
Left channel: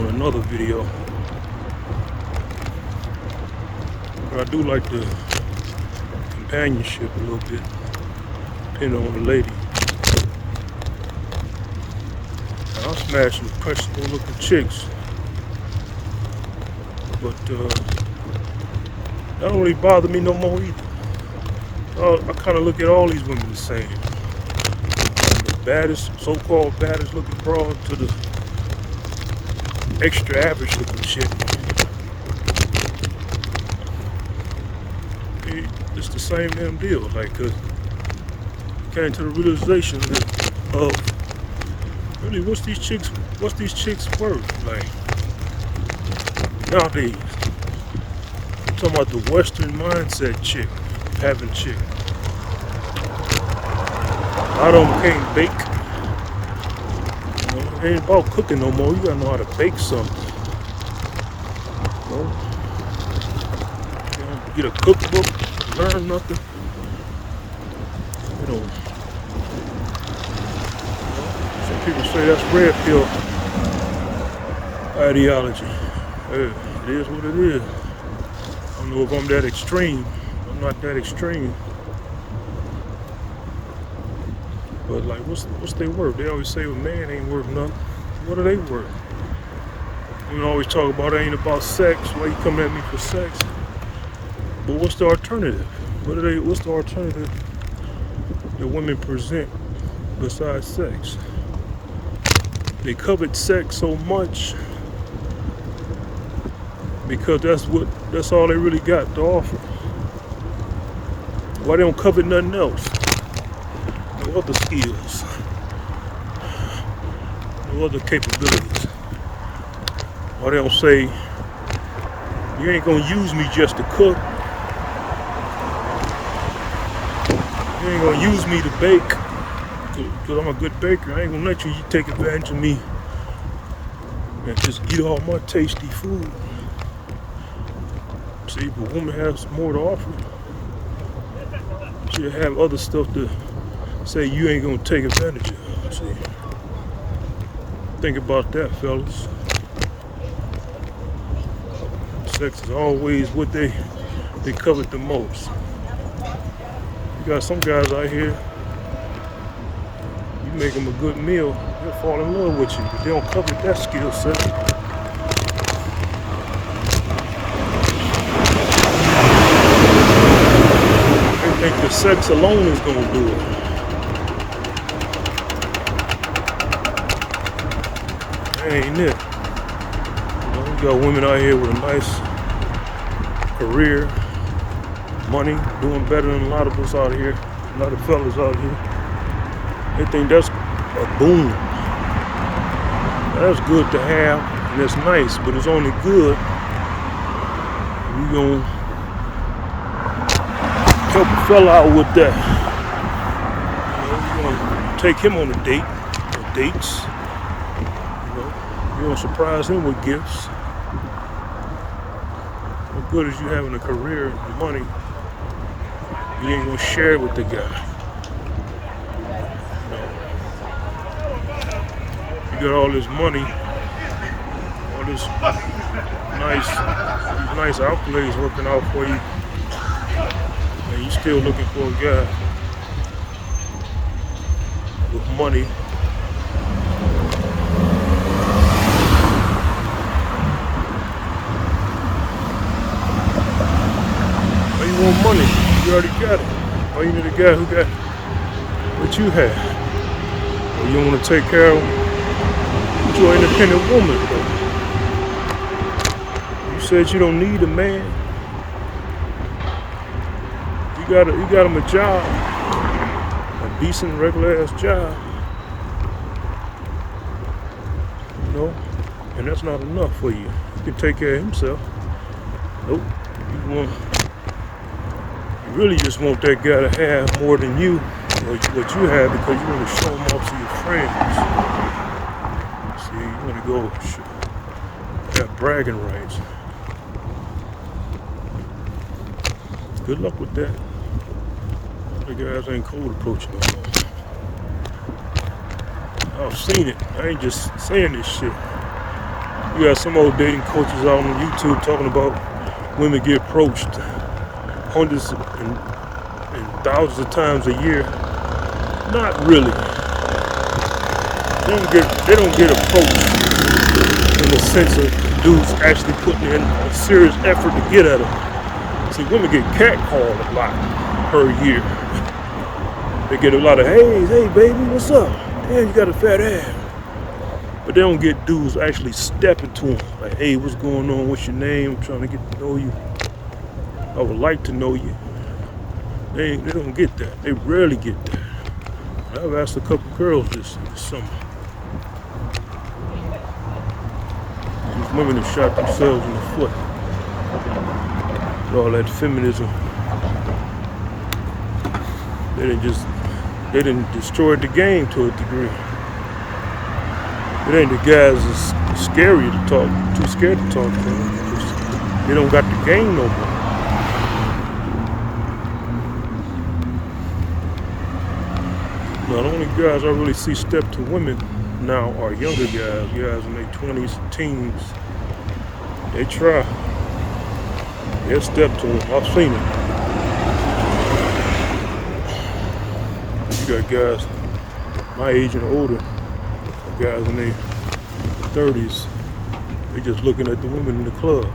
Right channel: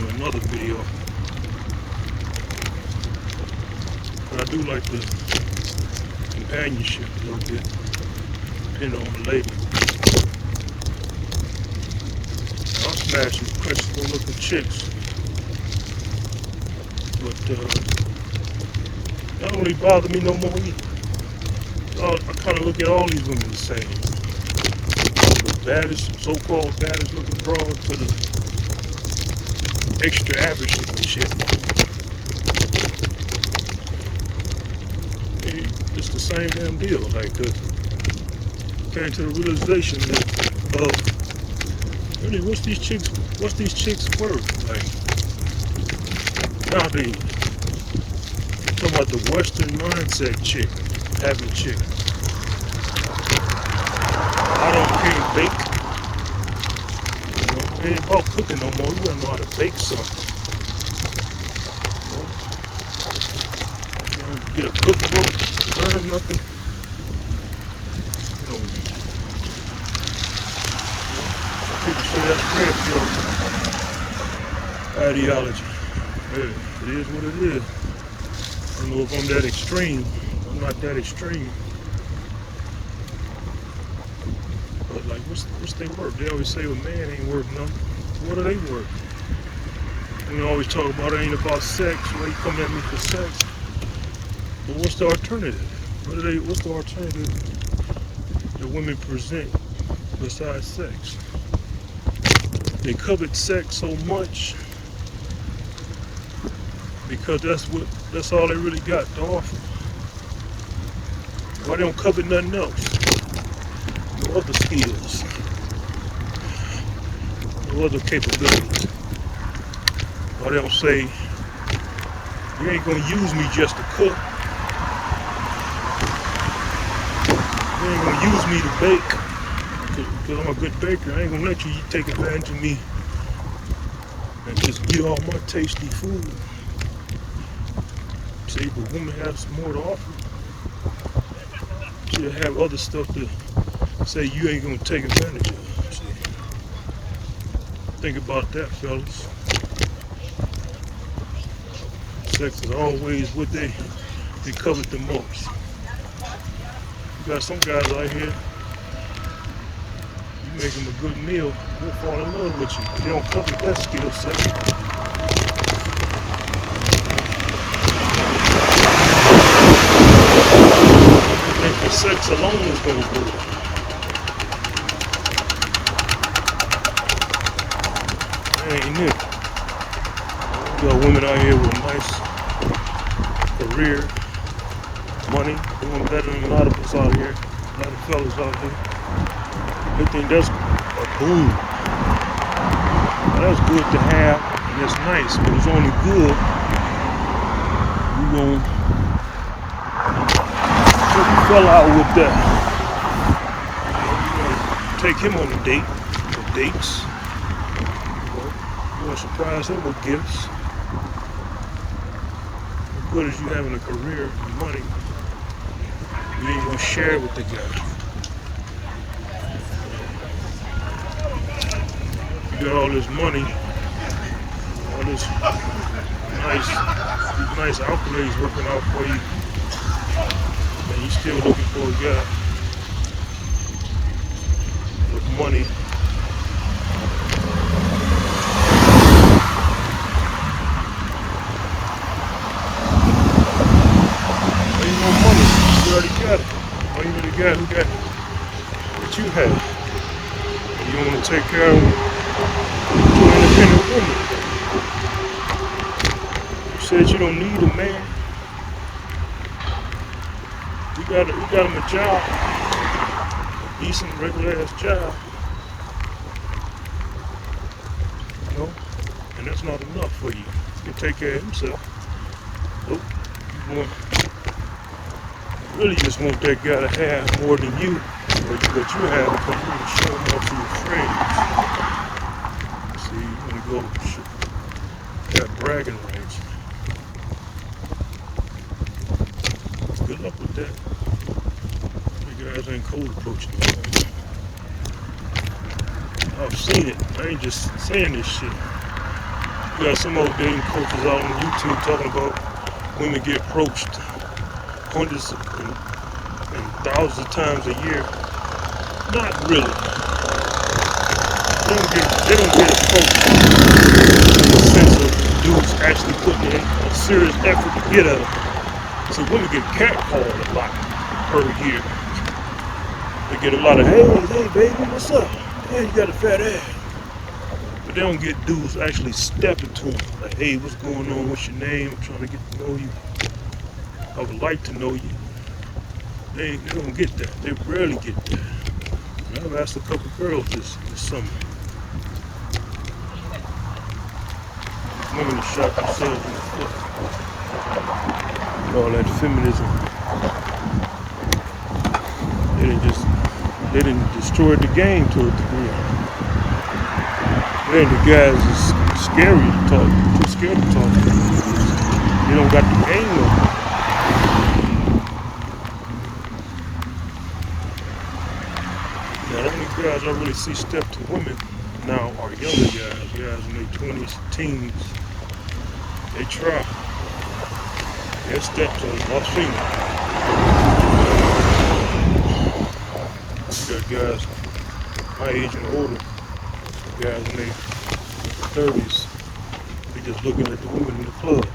in another video. But I do like the companionship a little bit, depending on the lady. I smash some impressive looking chicks, but that don't really bother me no more either. I kind of look at all these women the same. From the baddest, so-called baddest looking broad to the extra average looking chick. It's the same damn deal. Like, came to the realization of really what's these chicks worth? Like, nowadays, I'm talking about the Western mindset chick, having chick. I can't bake. You know, it ain't about cooking no more. You gotta know how to bake something. You know, get a cookbook. Learn nothing. Some people say that's red pill ideology. Hey, it is what it is. I don't know if I'm that extreme. I'm not that extreme. But like, what's they worth? They always say a man ain't worth nothing. What are they worth? We always talk about it ain't about sex. Why you coming at me for sex? But what's the alternative? What's the alternative that women present besides sex? They covet sex so much because that's all they really got to offer. Why they don't covet nothing else? No other skills, no other capabilities. Why they don't say, you ain't gonna use me just to cook. You ain't gonna use me to bake, because I'm a good baker. I ain't gonna let you take advantage of me and just eat all my tasty food. See, if a woman has more to offer, she'll have other stuff to say you ain't gonna take advantage of. So, think about that, fellas. Sex is always what they covet the most. You got some guys out here, you make them a good meal, they'll fall in love with you, but they don't covet that skill set. They think the sex alone is going to do it. That ain't it. You got women out here with a nice career, money, doing better than a lot of us out here, a lot of fellas out here. They think that's a boom. That's good to have, and that's nice, but it's only good you gonna help a fella out with that. You know, take him on a date, or dates. You gonna surprise him with gifts. What good is you having a career and money? You ain't gonna share it with the guy. You got all this money, all this nice accolades working out for you, and you still looking for a guy with money. got what you have. You want to take care of your independent woman. You said you don't need a man. You got him a job, a decent regular ass job. You know, and that's not enough for you. He can take care of himself. Nope. You really just want that guy to have more than you, what you have, because you want to show him off to your friends. See, you want to go have bragging rights. Good luck with that. The guys ain't cold approaching like that. I've seen it. I ain't just saying this shit. You got some old dating coaches out on YouTube talking about women get approached hundreds and thousands of times a year. Not really. They don't get approached in the sense of dudes actually putting in a serious effort to get at them. See, women get catcalled a lot per year. They get a lot of, hey baby, what's up? Hey, you got a fat ass. But they don't get dudes actually stepping to them. Like, hey, what's going on? What's your name? I'm trying to get to know you. I would like to know you. They don't get that. They rarely get that. I've asked a couple girls this summer. These women have shot themselves in the foot. All that feminism. They didn't destroy the game to a degree. But then the guys is scary to talk, too scared to talk to them. They don't got the game no more. Now the only guys I really see step to women now are younger guys in their 20s, teens. They try. They step to them. I've seen it. You got guys my age and older, guys in their 30s, they just looking at the women in the club.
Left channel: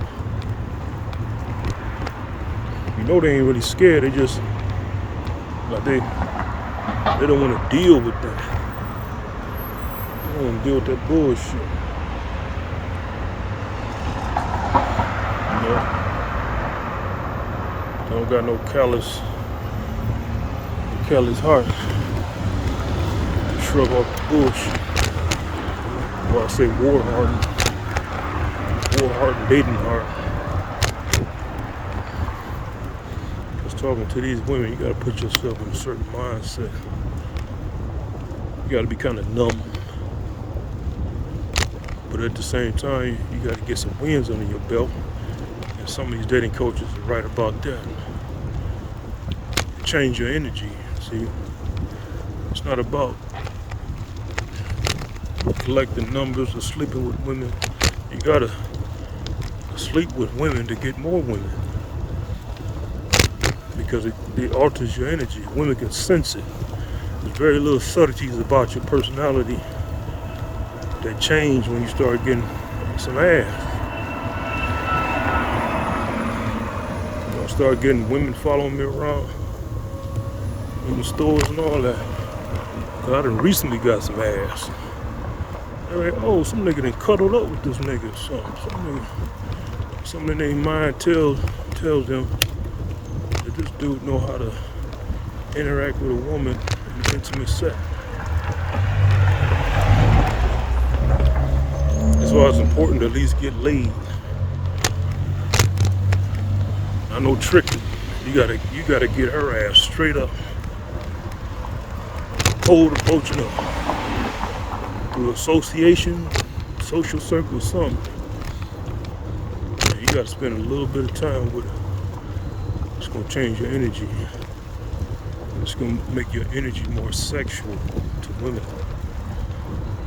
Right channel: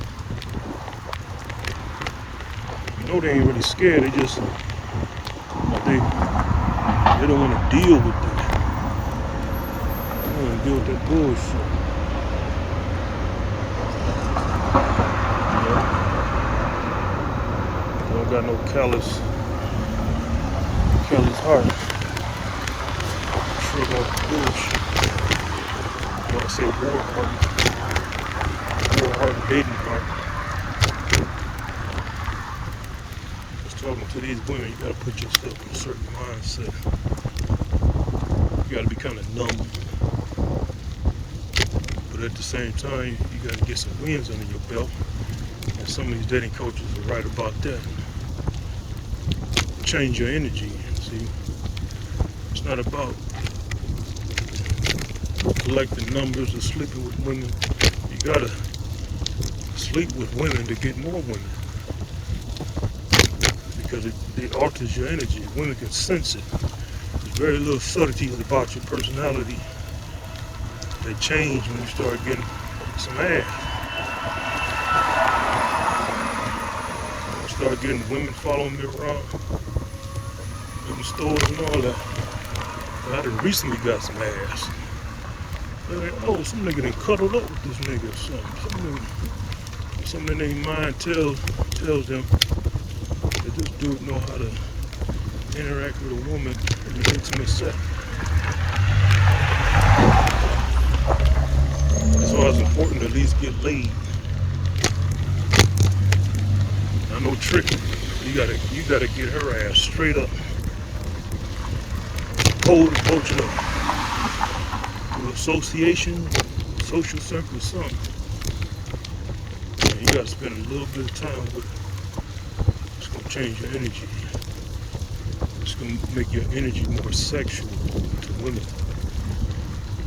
You know they ain't really scared, they just, like they don't want to deal with that. They don't want to deal with that bullshit. You know? Don't got no callous heart. Shrug off bullshit. I say war heart and maiden heart. Just talking to these women, you gotta put yourself in a certain mindset. You gotta be kind of numb. But at the same time, you gotta get some wins under your belt. And some of these dating coaches are right about that. Change your energy, see? It's not about collecting numbers or sleeping with women. You gotta sleep with women to get more women, because it alters your energy. Women can sense it. There's very little subtleties about your personality that change when you start getting some ass. I start getting women following me around in the stores and all that. I done recently got some ass. Like, oh, some nigga done cuddled up with this nigga or something. Something in their mind tells them that this dude know how to interact with a woman in the intimate setting. That's why it's important to at least get laid. I know tricking. You gotta get her ass straight up. Cold approaching her. Through association, social circle, something. And you gotta spend a little bit of time with her. It's gonna change your energy. It's gonna make your energy more sexual to women.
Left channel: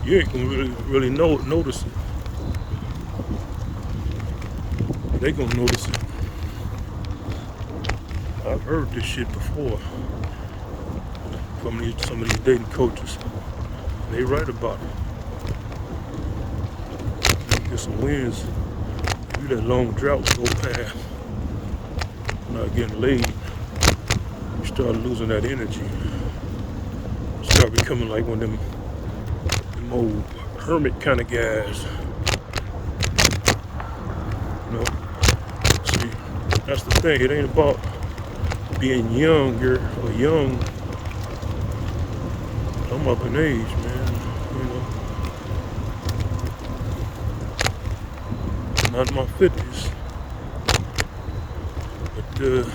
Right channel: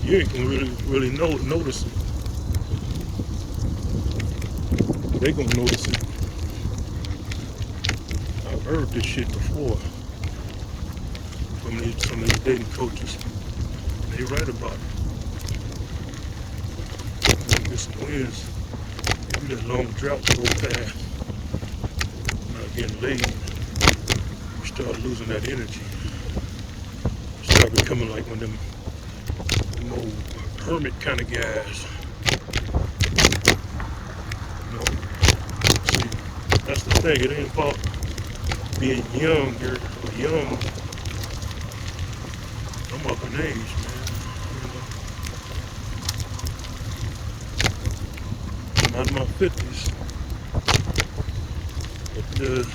You ain't gonna really notice it. They gonna notice it. I've heard this shit before from some of these dating coaches. They right about it. Get some wins. You that long drought go past. Not getting laid. You start losing that energy. You start becoming like one of them old hermit kind of guys. You know? See, that's the thing. It ain't about being younger or young. I'm up in age, man. You know, I'm not in my 50s, but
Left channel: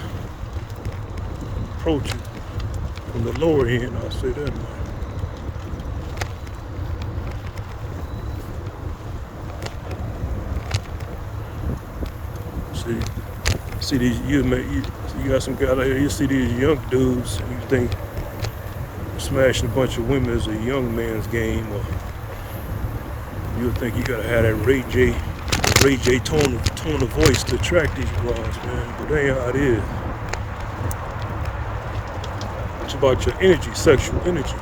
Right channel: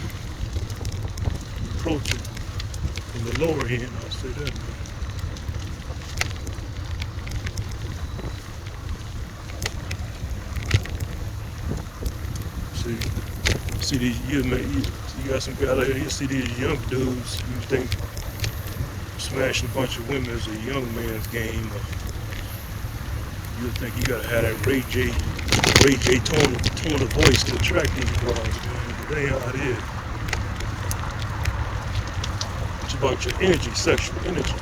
approaching from the lower end, I'll say that, man. See these you got some guy out here. You see these young dudes. You think smashing a bunch of women is a young man's game, or you think you gotta have that Ray J tone of voice to attract these guys, man. But that ain't how it is. It's about your energy, sexual energy,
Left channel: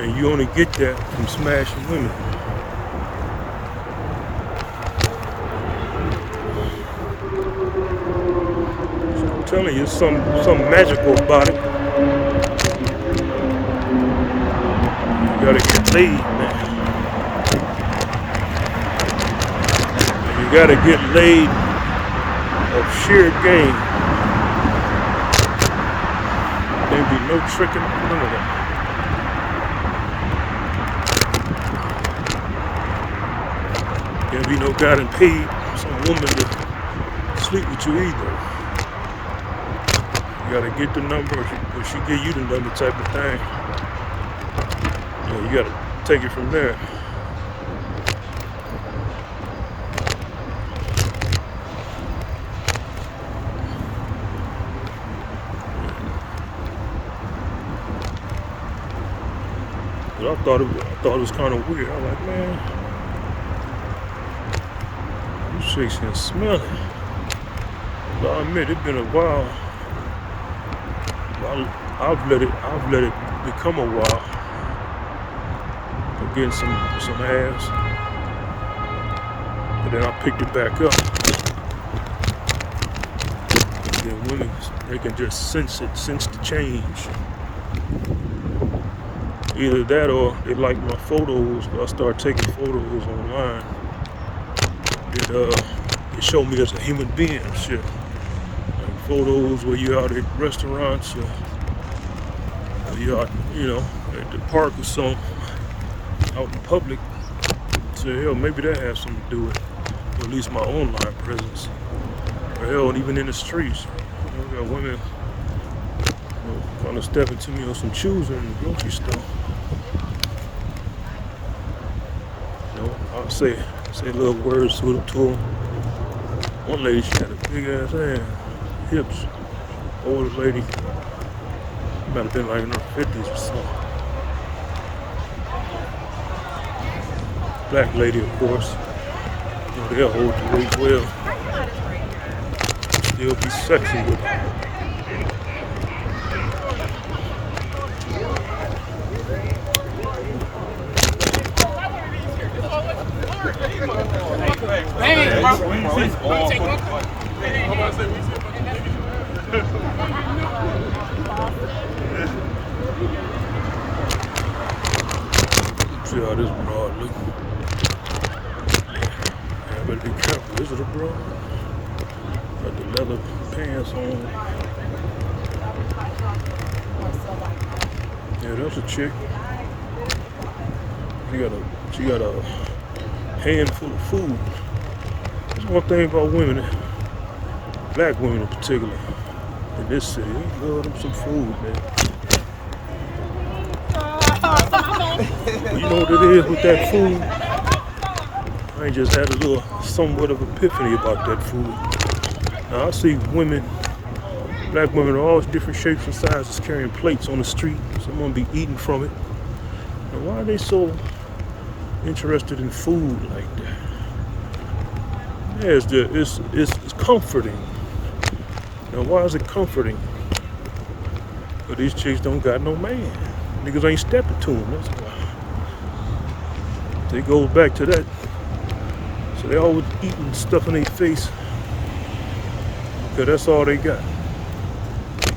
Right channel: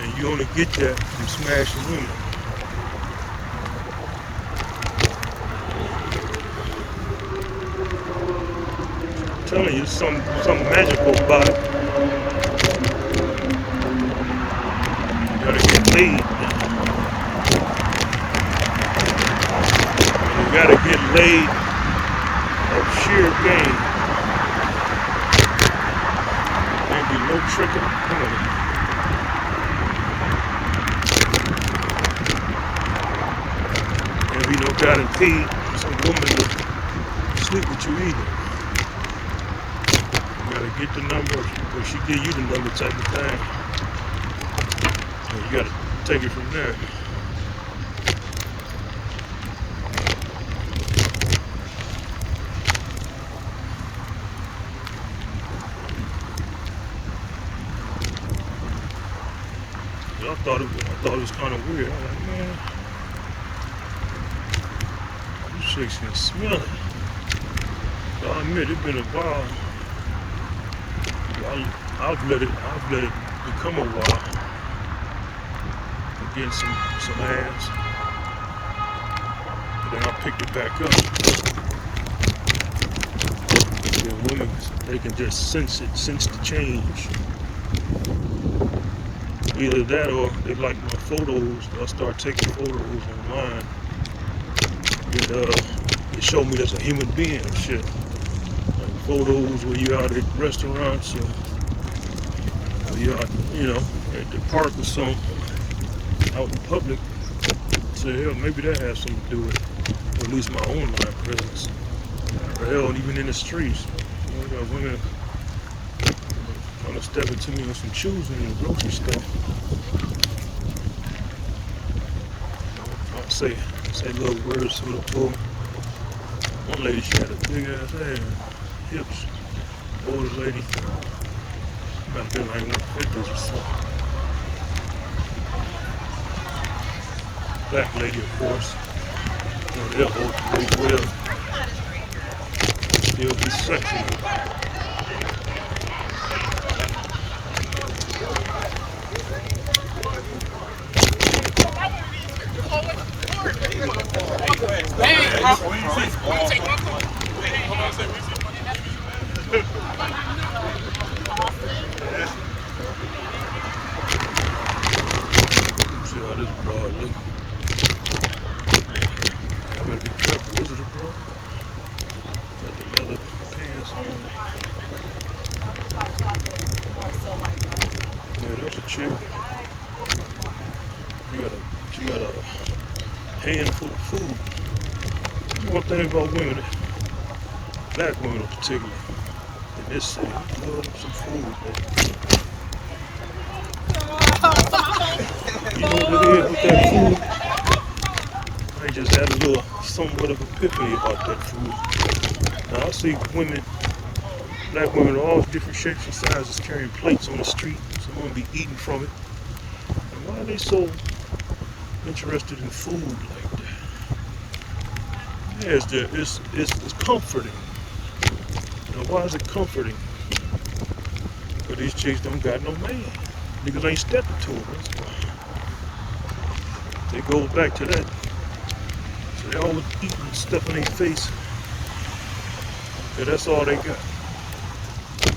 and you only get that from smashing women. I'm telling you, something magical about it. You gotta get laid, man. And you gotta get laid of sheer game. Don't be no tricking, none of that. Don't be no guy that paid some woman to sleep with you either. You gotta get the number, or she give you the number type of thing. You gotta take it from there. But I thought it was kind of weird. I'm like, man, you chicks can smell it. But I admit it's been a while. I've let it become a while. Getting some ass, but then I picked it back up. And then women, they can just sense the change. Either that or they like my photos. I start taking photos online, and they show me as a human being and shit. Like photos where you're out at restaurants or you're out, at the park or something. Out in public, so hell, maybe that has something to do with at least my online presence. Hell, and even in the streets, got women trying to step into me on some shoes in the grocery store. I'll say little words to them. One lady, she got a big ass ass, hips. Older lady, might have been like in her 50s or something. Black lady, of course. They'll hold you really well. Still be sexy with it. See how this broad look. Be careful. Is it a bra? Got the leather pants on. Yeah, that's a chick. She got a handful of food. That's one thing about women, black women in particular, in this city, we love them some food, man. You know what it is with that food? I just had a little somewhat of epiphany about that food. Now I see women, black women of all different shapes and sizes carrying plates on the street. Someone be eating from it. And why are they so interested in food like that? Yeah, it's comforting. Now why is it comforting? But these chicks don't got no man. Niggas ain't stepping to them, that's why. So it goes back to that. So they always eating stuff in their face because that's all they got.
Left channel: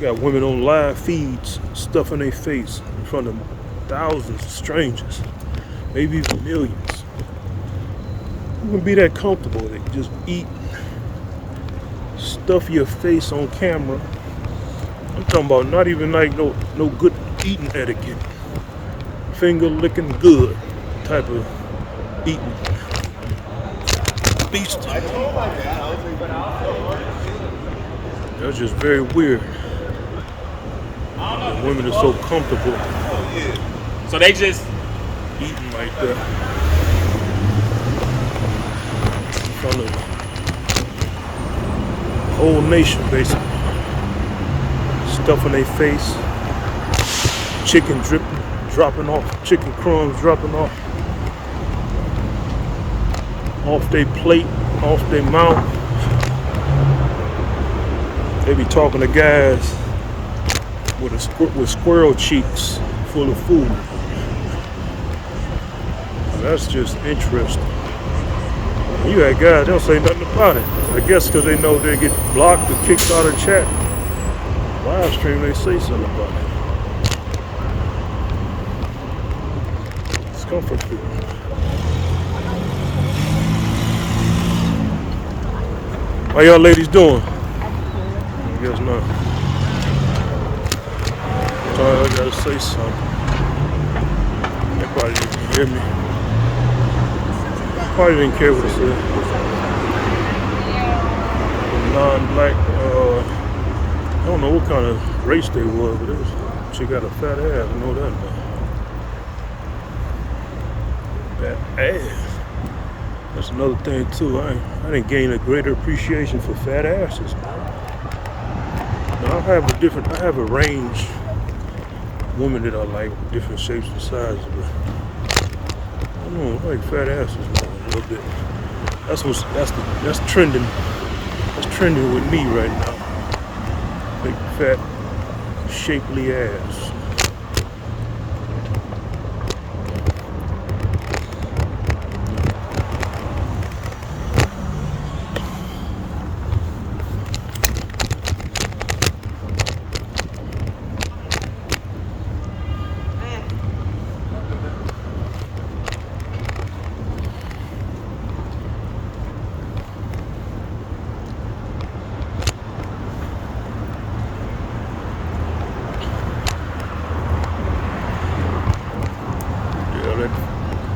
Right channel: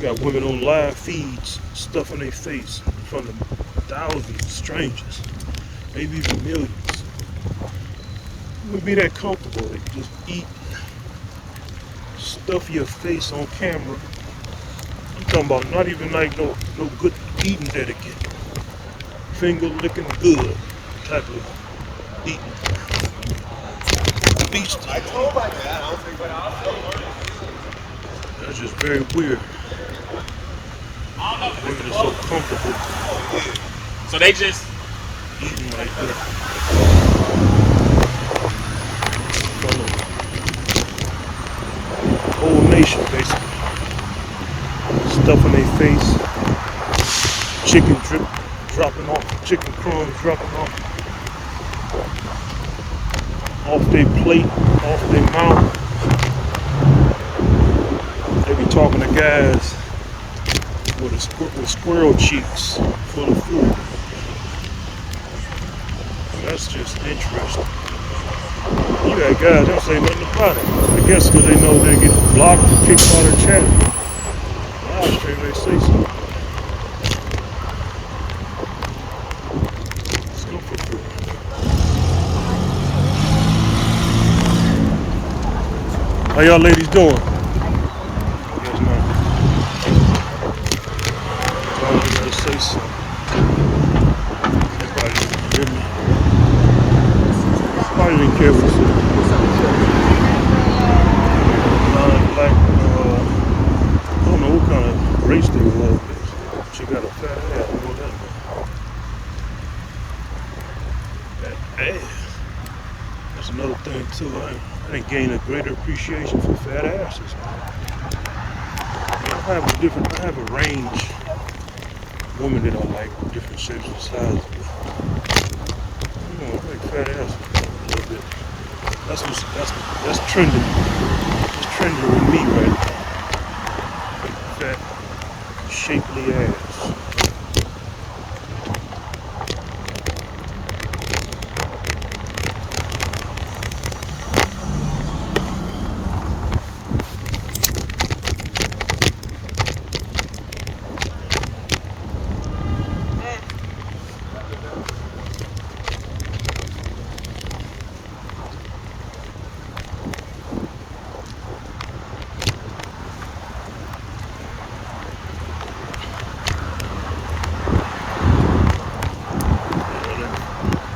got women on live feeds stuffing their face in front of thousands of strangers, maybe even millions. You can be that comfortable to just eat, stuff your face on camera. I'm talking about not even like no good eating etiquette, finger licking good type of eating. Beast. That's just very weird. Women are so comfortable So they just eating like that. From the whole nation, basically. Stuffing their face, chicken dropping off, chicken crumbs dropping off their plate, off their mouth. They be talking to guys with squirrel cheeks full of food. That's just interesting. You had guys don't say nothing about it. I guess because they know they get blocked or kicked out of chat. Live stream, they say something about it. It's comfort food. How y'all ladies doing? Yes, no. They say something. Probably didn't hear me. Probably didn't care what it said. Non-black, I don't know what kind of race they were, but she got a fat ass, I know that now. That ass. That's another thing too. I didn't gain a greater appreciation for fat asses. Now, I have a range of women that I like, different shapes and sizes. But I like fat asses a little bit. That's trending. That's trending with me right now. Like fat, shapely ass.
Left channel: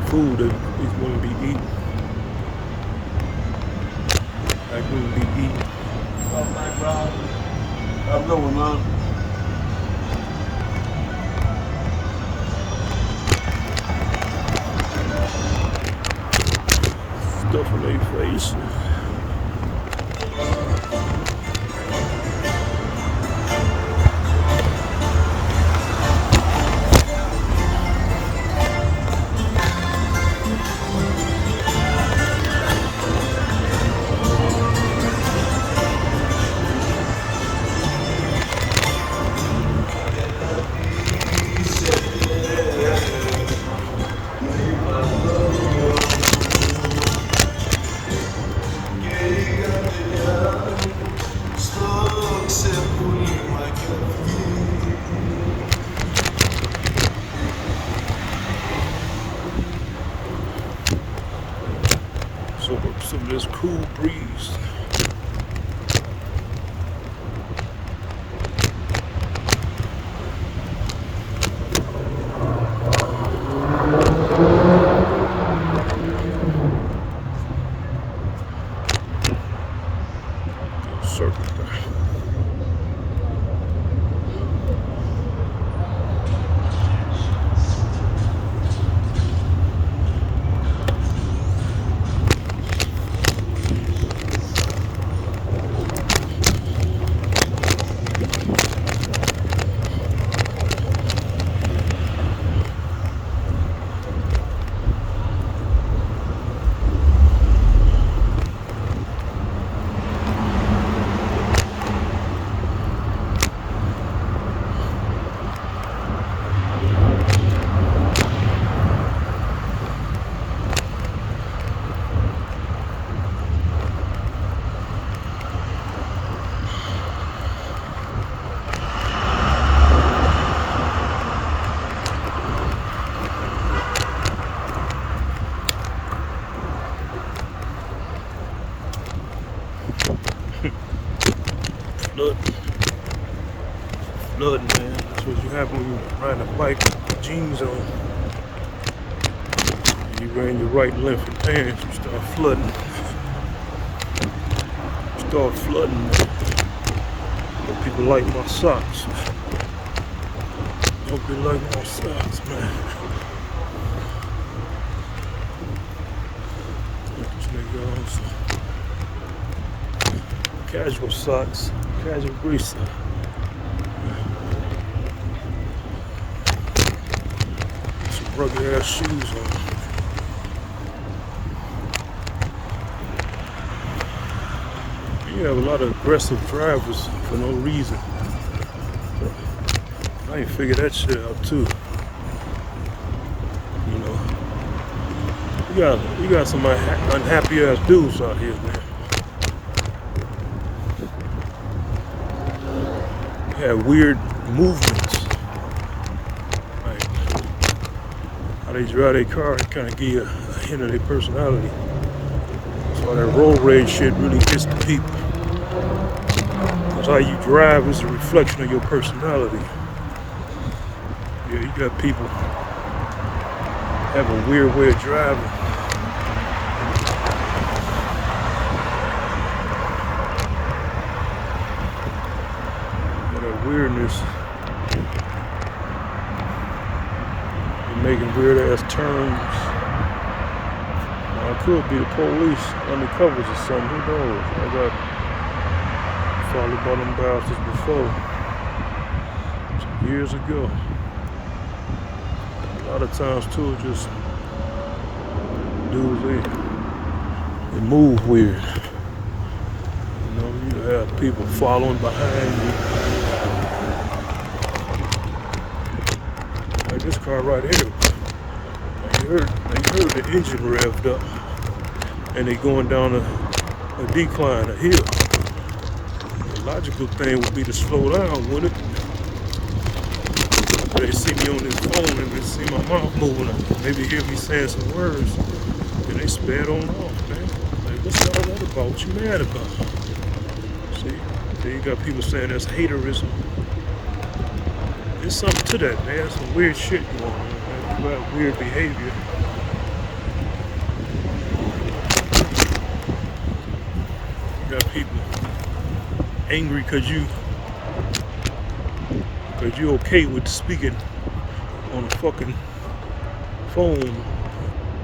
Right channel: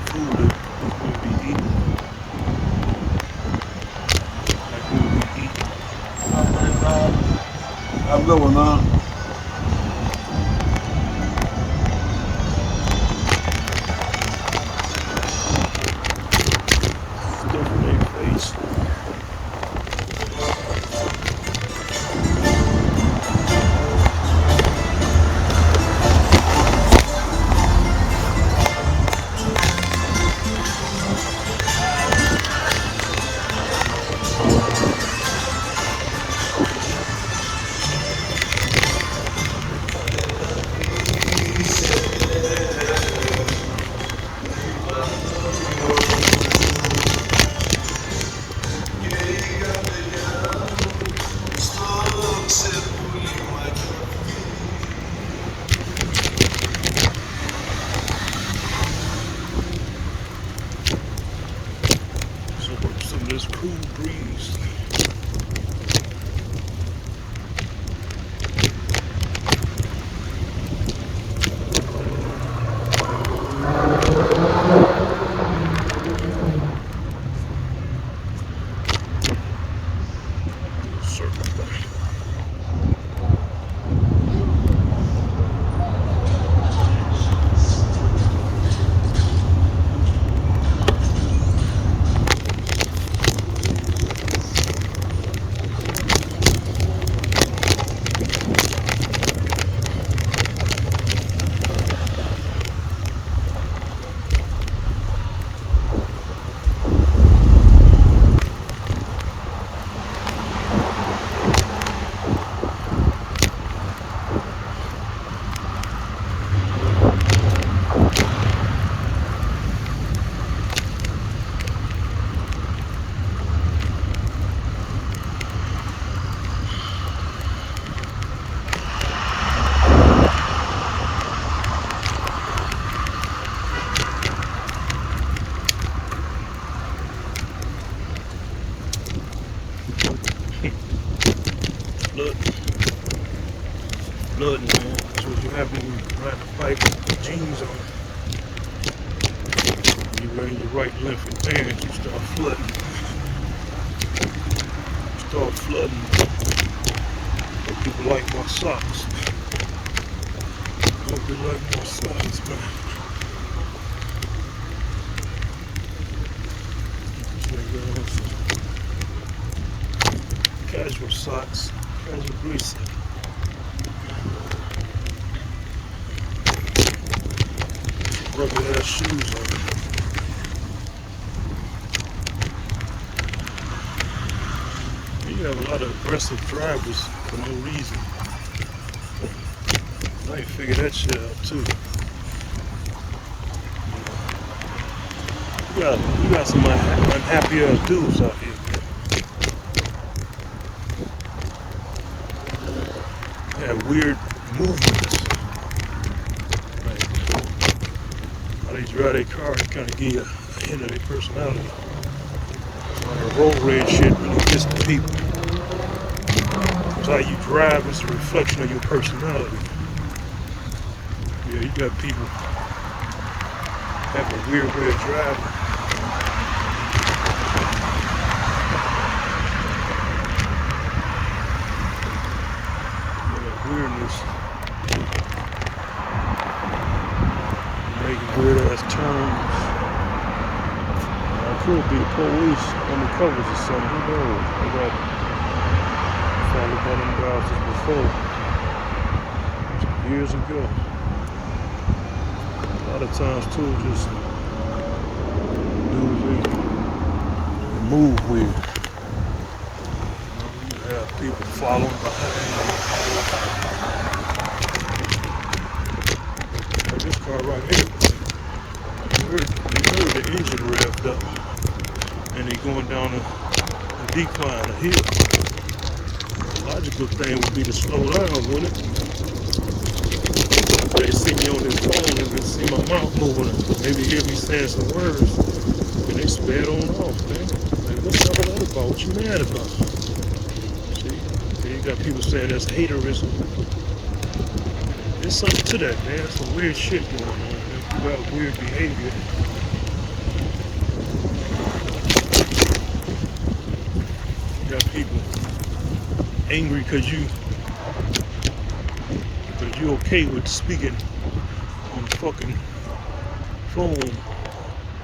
Food that is going to be eaten. Like we eat. I'm going on. Stuff in their face. Some of this cool breeze. Circle back. Flooding, man. That's what you have when you riding a bike with jeans on. You run your right and left pants, you start flooding. Man. People like my socks. People like my socks, man. Casual socks, casual greasy. Rugged ass shoes on. You have a lot of aggressive drivers for no reason. I ain't figured that shit out too. You know, you got some unhappy ass dudes out here, man. Yeah, weird movements. Like, how they drive their car kind of give you a hint of their personality. So that road rage shit really gets to people. Because how you drive is a reflection of your personality. Yeah, you got people have a weird way of driving. Weirdness. Making weird ass turns. I could be the police undercovers or something. Who knows? I got followed by them bastards before. Some years ago. A lot of times too, just dudes they move weird. You have people following behind you. This car right here, they heard the engine revved up and they going down a decline, a hill. The logical thing would be to slow down, wouldn't it? They see me on this phone and they see my mouth moving and maybe hear me saying some words and they sped on off, man. Like, what's all that about? What you mad about? See, then you got people saying that's haterism. There's something to that, man. Some weird shit going on, man. People have weird behavior. You got people angry because you're okay with speaking on a fucking phone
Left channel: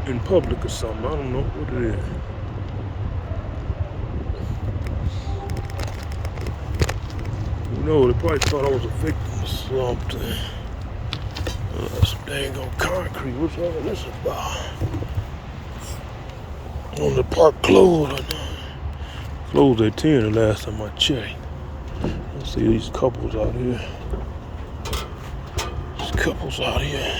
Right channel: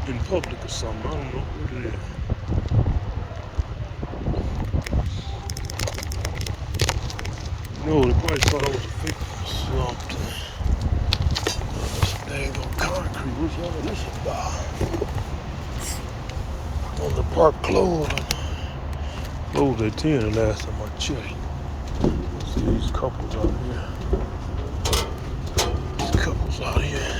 in public or something. I don't know what it is. No, they probably thought I was a victim. Slumped. This bag of concrete. What's all this about? When the park closed at 10 the last time I checked. See these couples out here. These couples out here.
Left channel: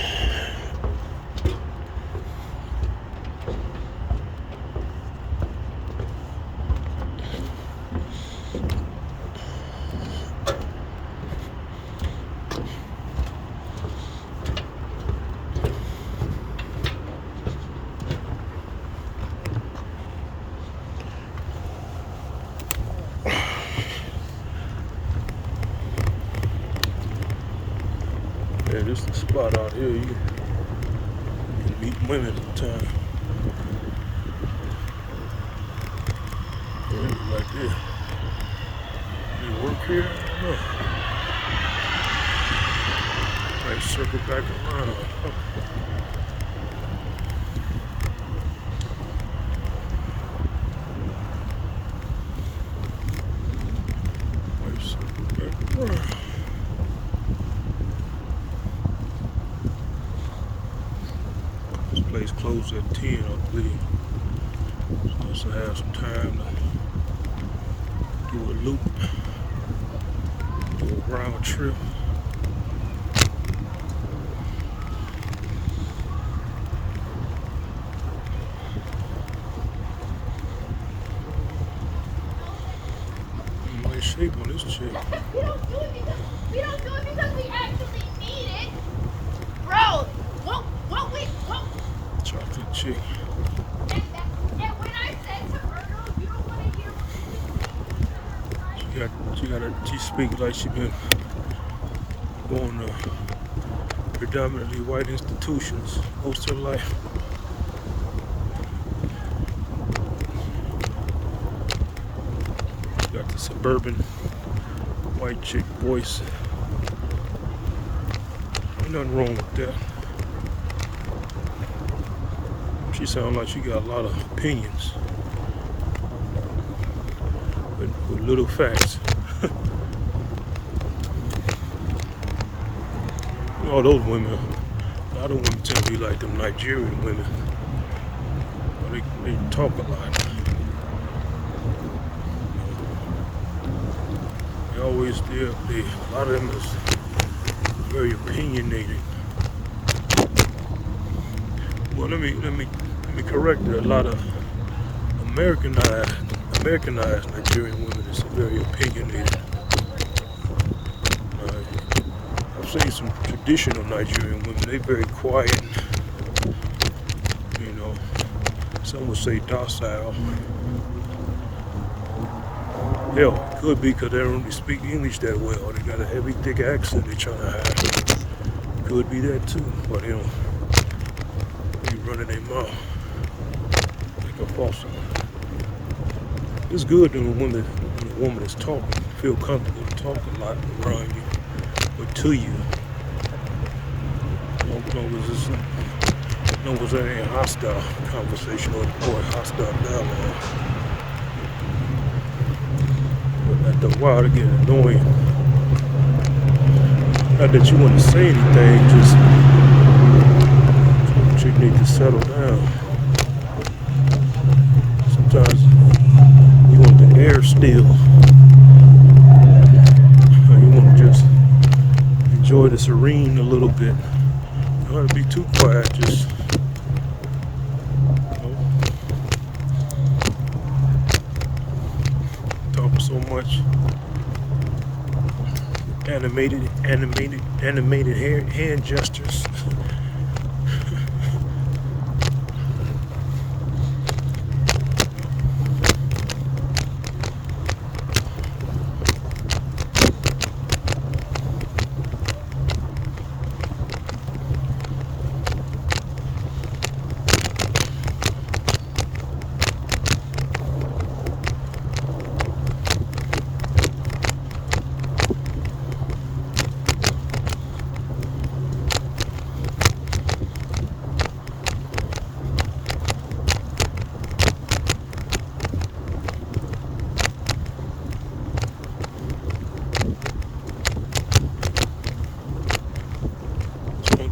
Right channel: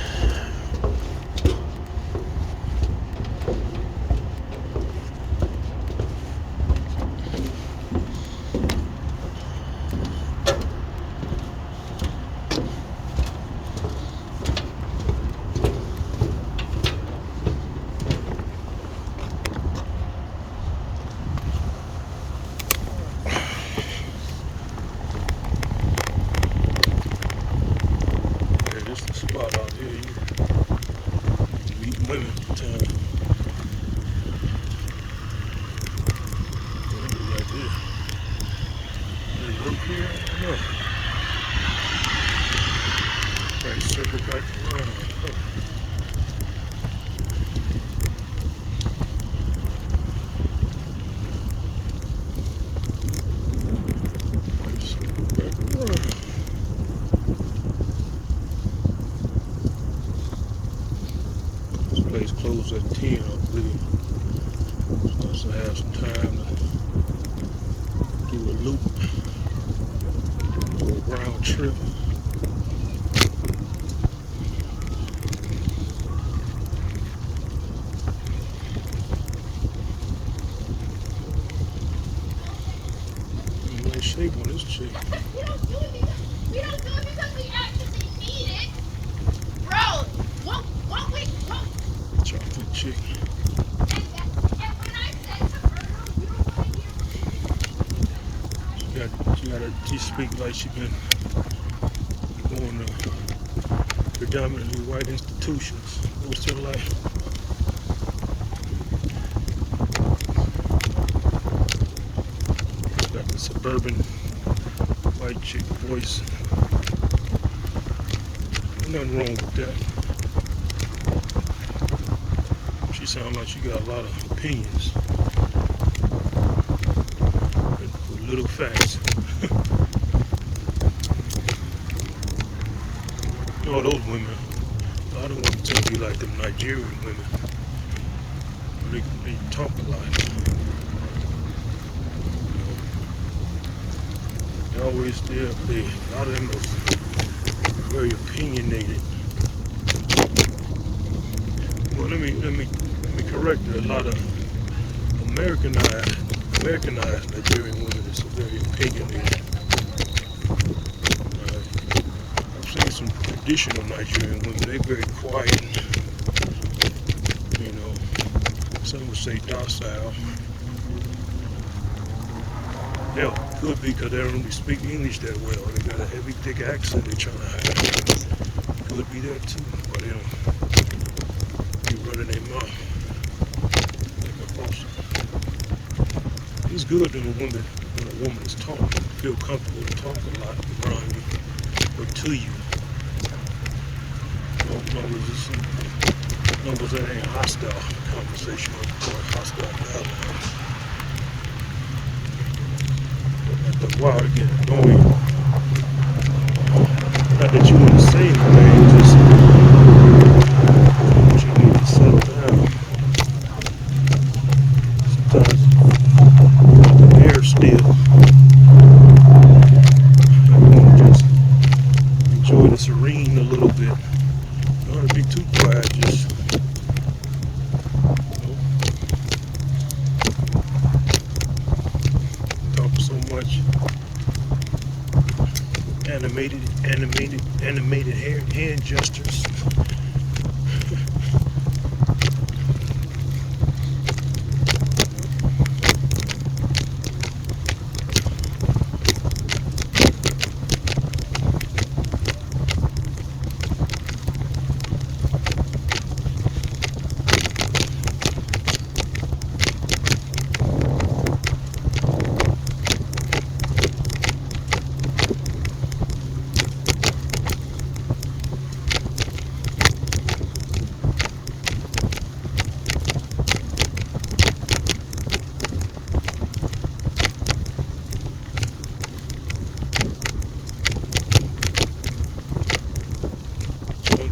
This is the spot out here. You can meet women all the time. Like this. You work here? No. Like circle back around. Circle back around. Place closed at 10, I believe. Supposed to have some time to do a loop, do a round trip. Nice shape on this chick. We don't do it because we actually need it. Bro, what we Chocolate chick. and when I said to her, you don't want to hear She got a She speaks like she been going to predominantly white institutions most of her life. Got the suburban white chick voice. Ain't nothing wrong with that. She sounds like she got a lot of opinions, with little facts. All those women, a lot of women tend to be like them Nigerian women. They talk a lot. They always do. A lot of them is very opinionated. Well, let me correct it. A lot of Americanized Nigerian women is very opinionated. I've seen some traditional Nigerian women. They're very quiet. You know, some would say docile. Hell, could be because they don't speak English that well, or they got a heavy, thick accent they're trying to hide. Could be that too, but they don't be running their mouth like a possum. It's good when a woman is talking, feel comfortable to talk a lot around you or to you. No was any hostile conversation or hostile dialogue. After a while, it get annoying. Not that you want to say anything, just you need to settle down. Sometimes you want the air still. You want to just enjoy the serene a little bit. You don't have to be too quiet, just talking so much. Animated hand gestures.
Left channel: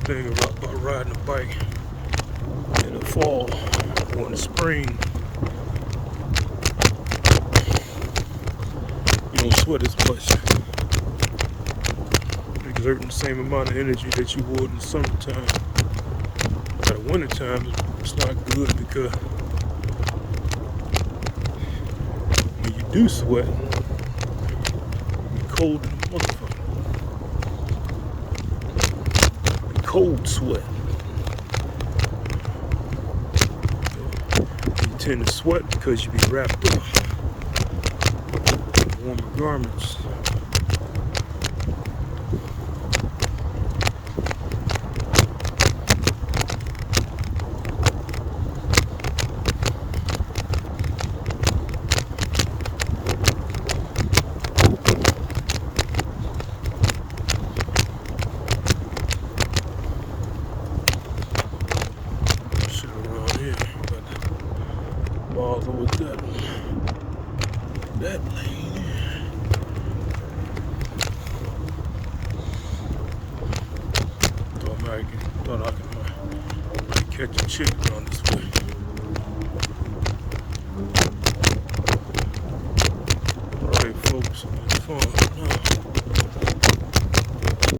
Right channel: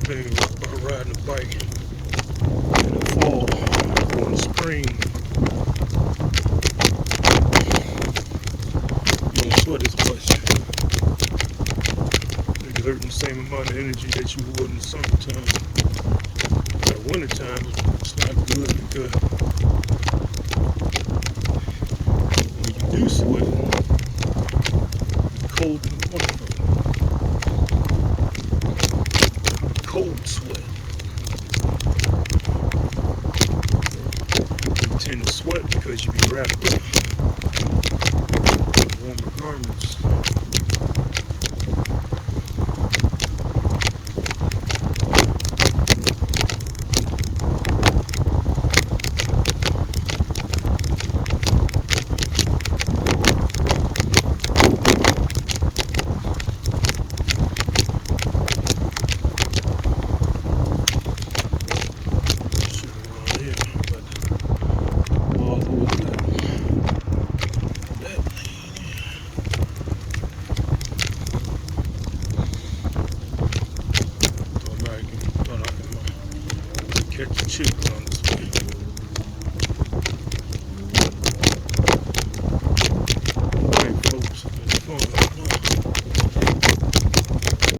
Thing about riding a bike in the fall or in the spring, you don't sweat as much. You're exerting the same amount of energy that you would in the summertime. But in wintertime, it's not good because when you do sweat, you're cold in the motherfucker. Cold sweat. You tend to sweat because you be wrapped up in warmer garments. Catch a chick on this way. Alright folks, on the phone now.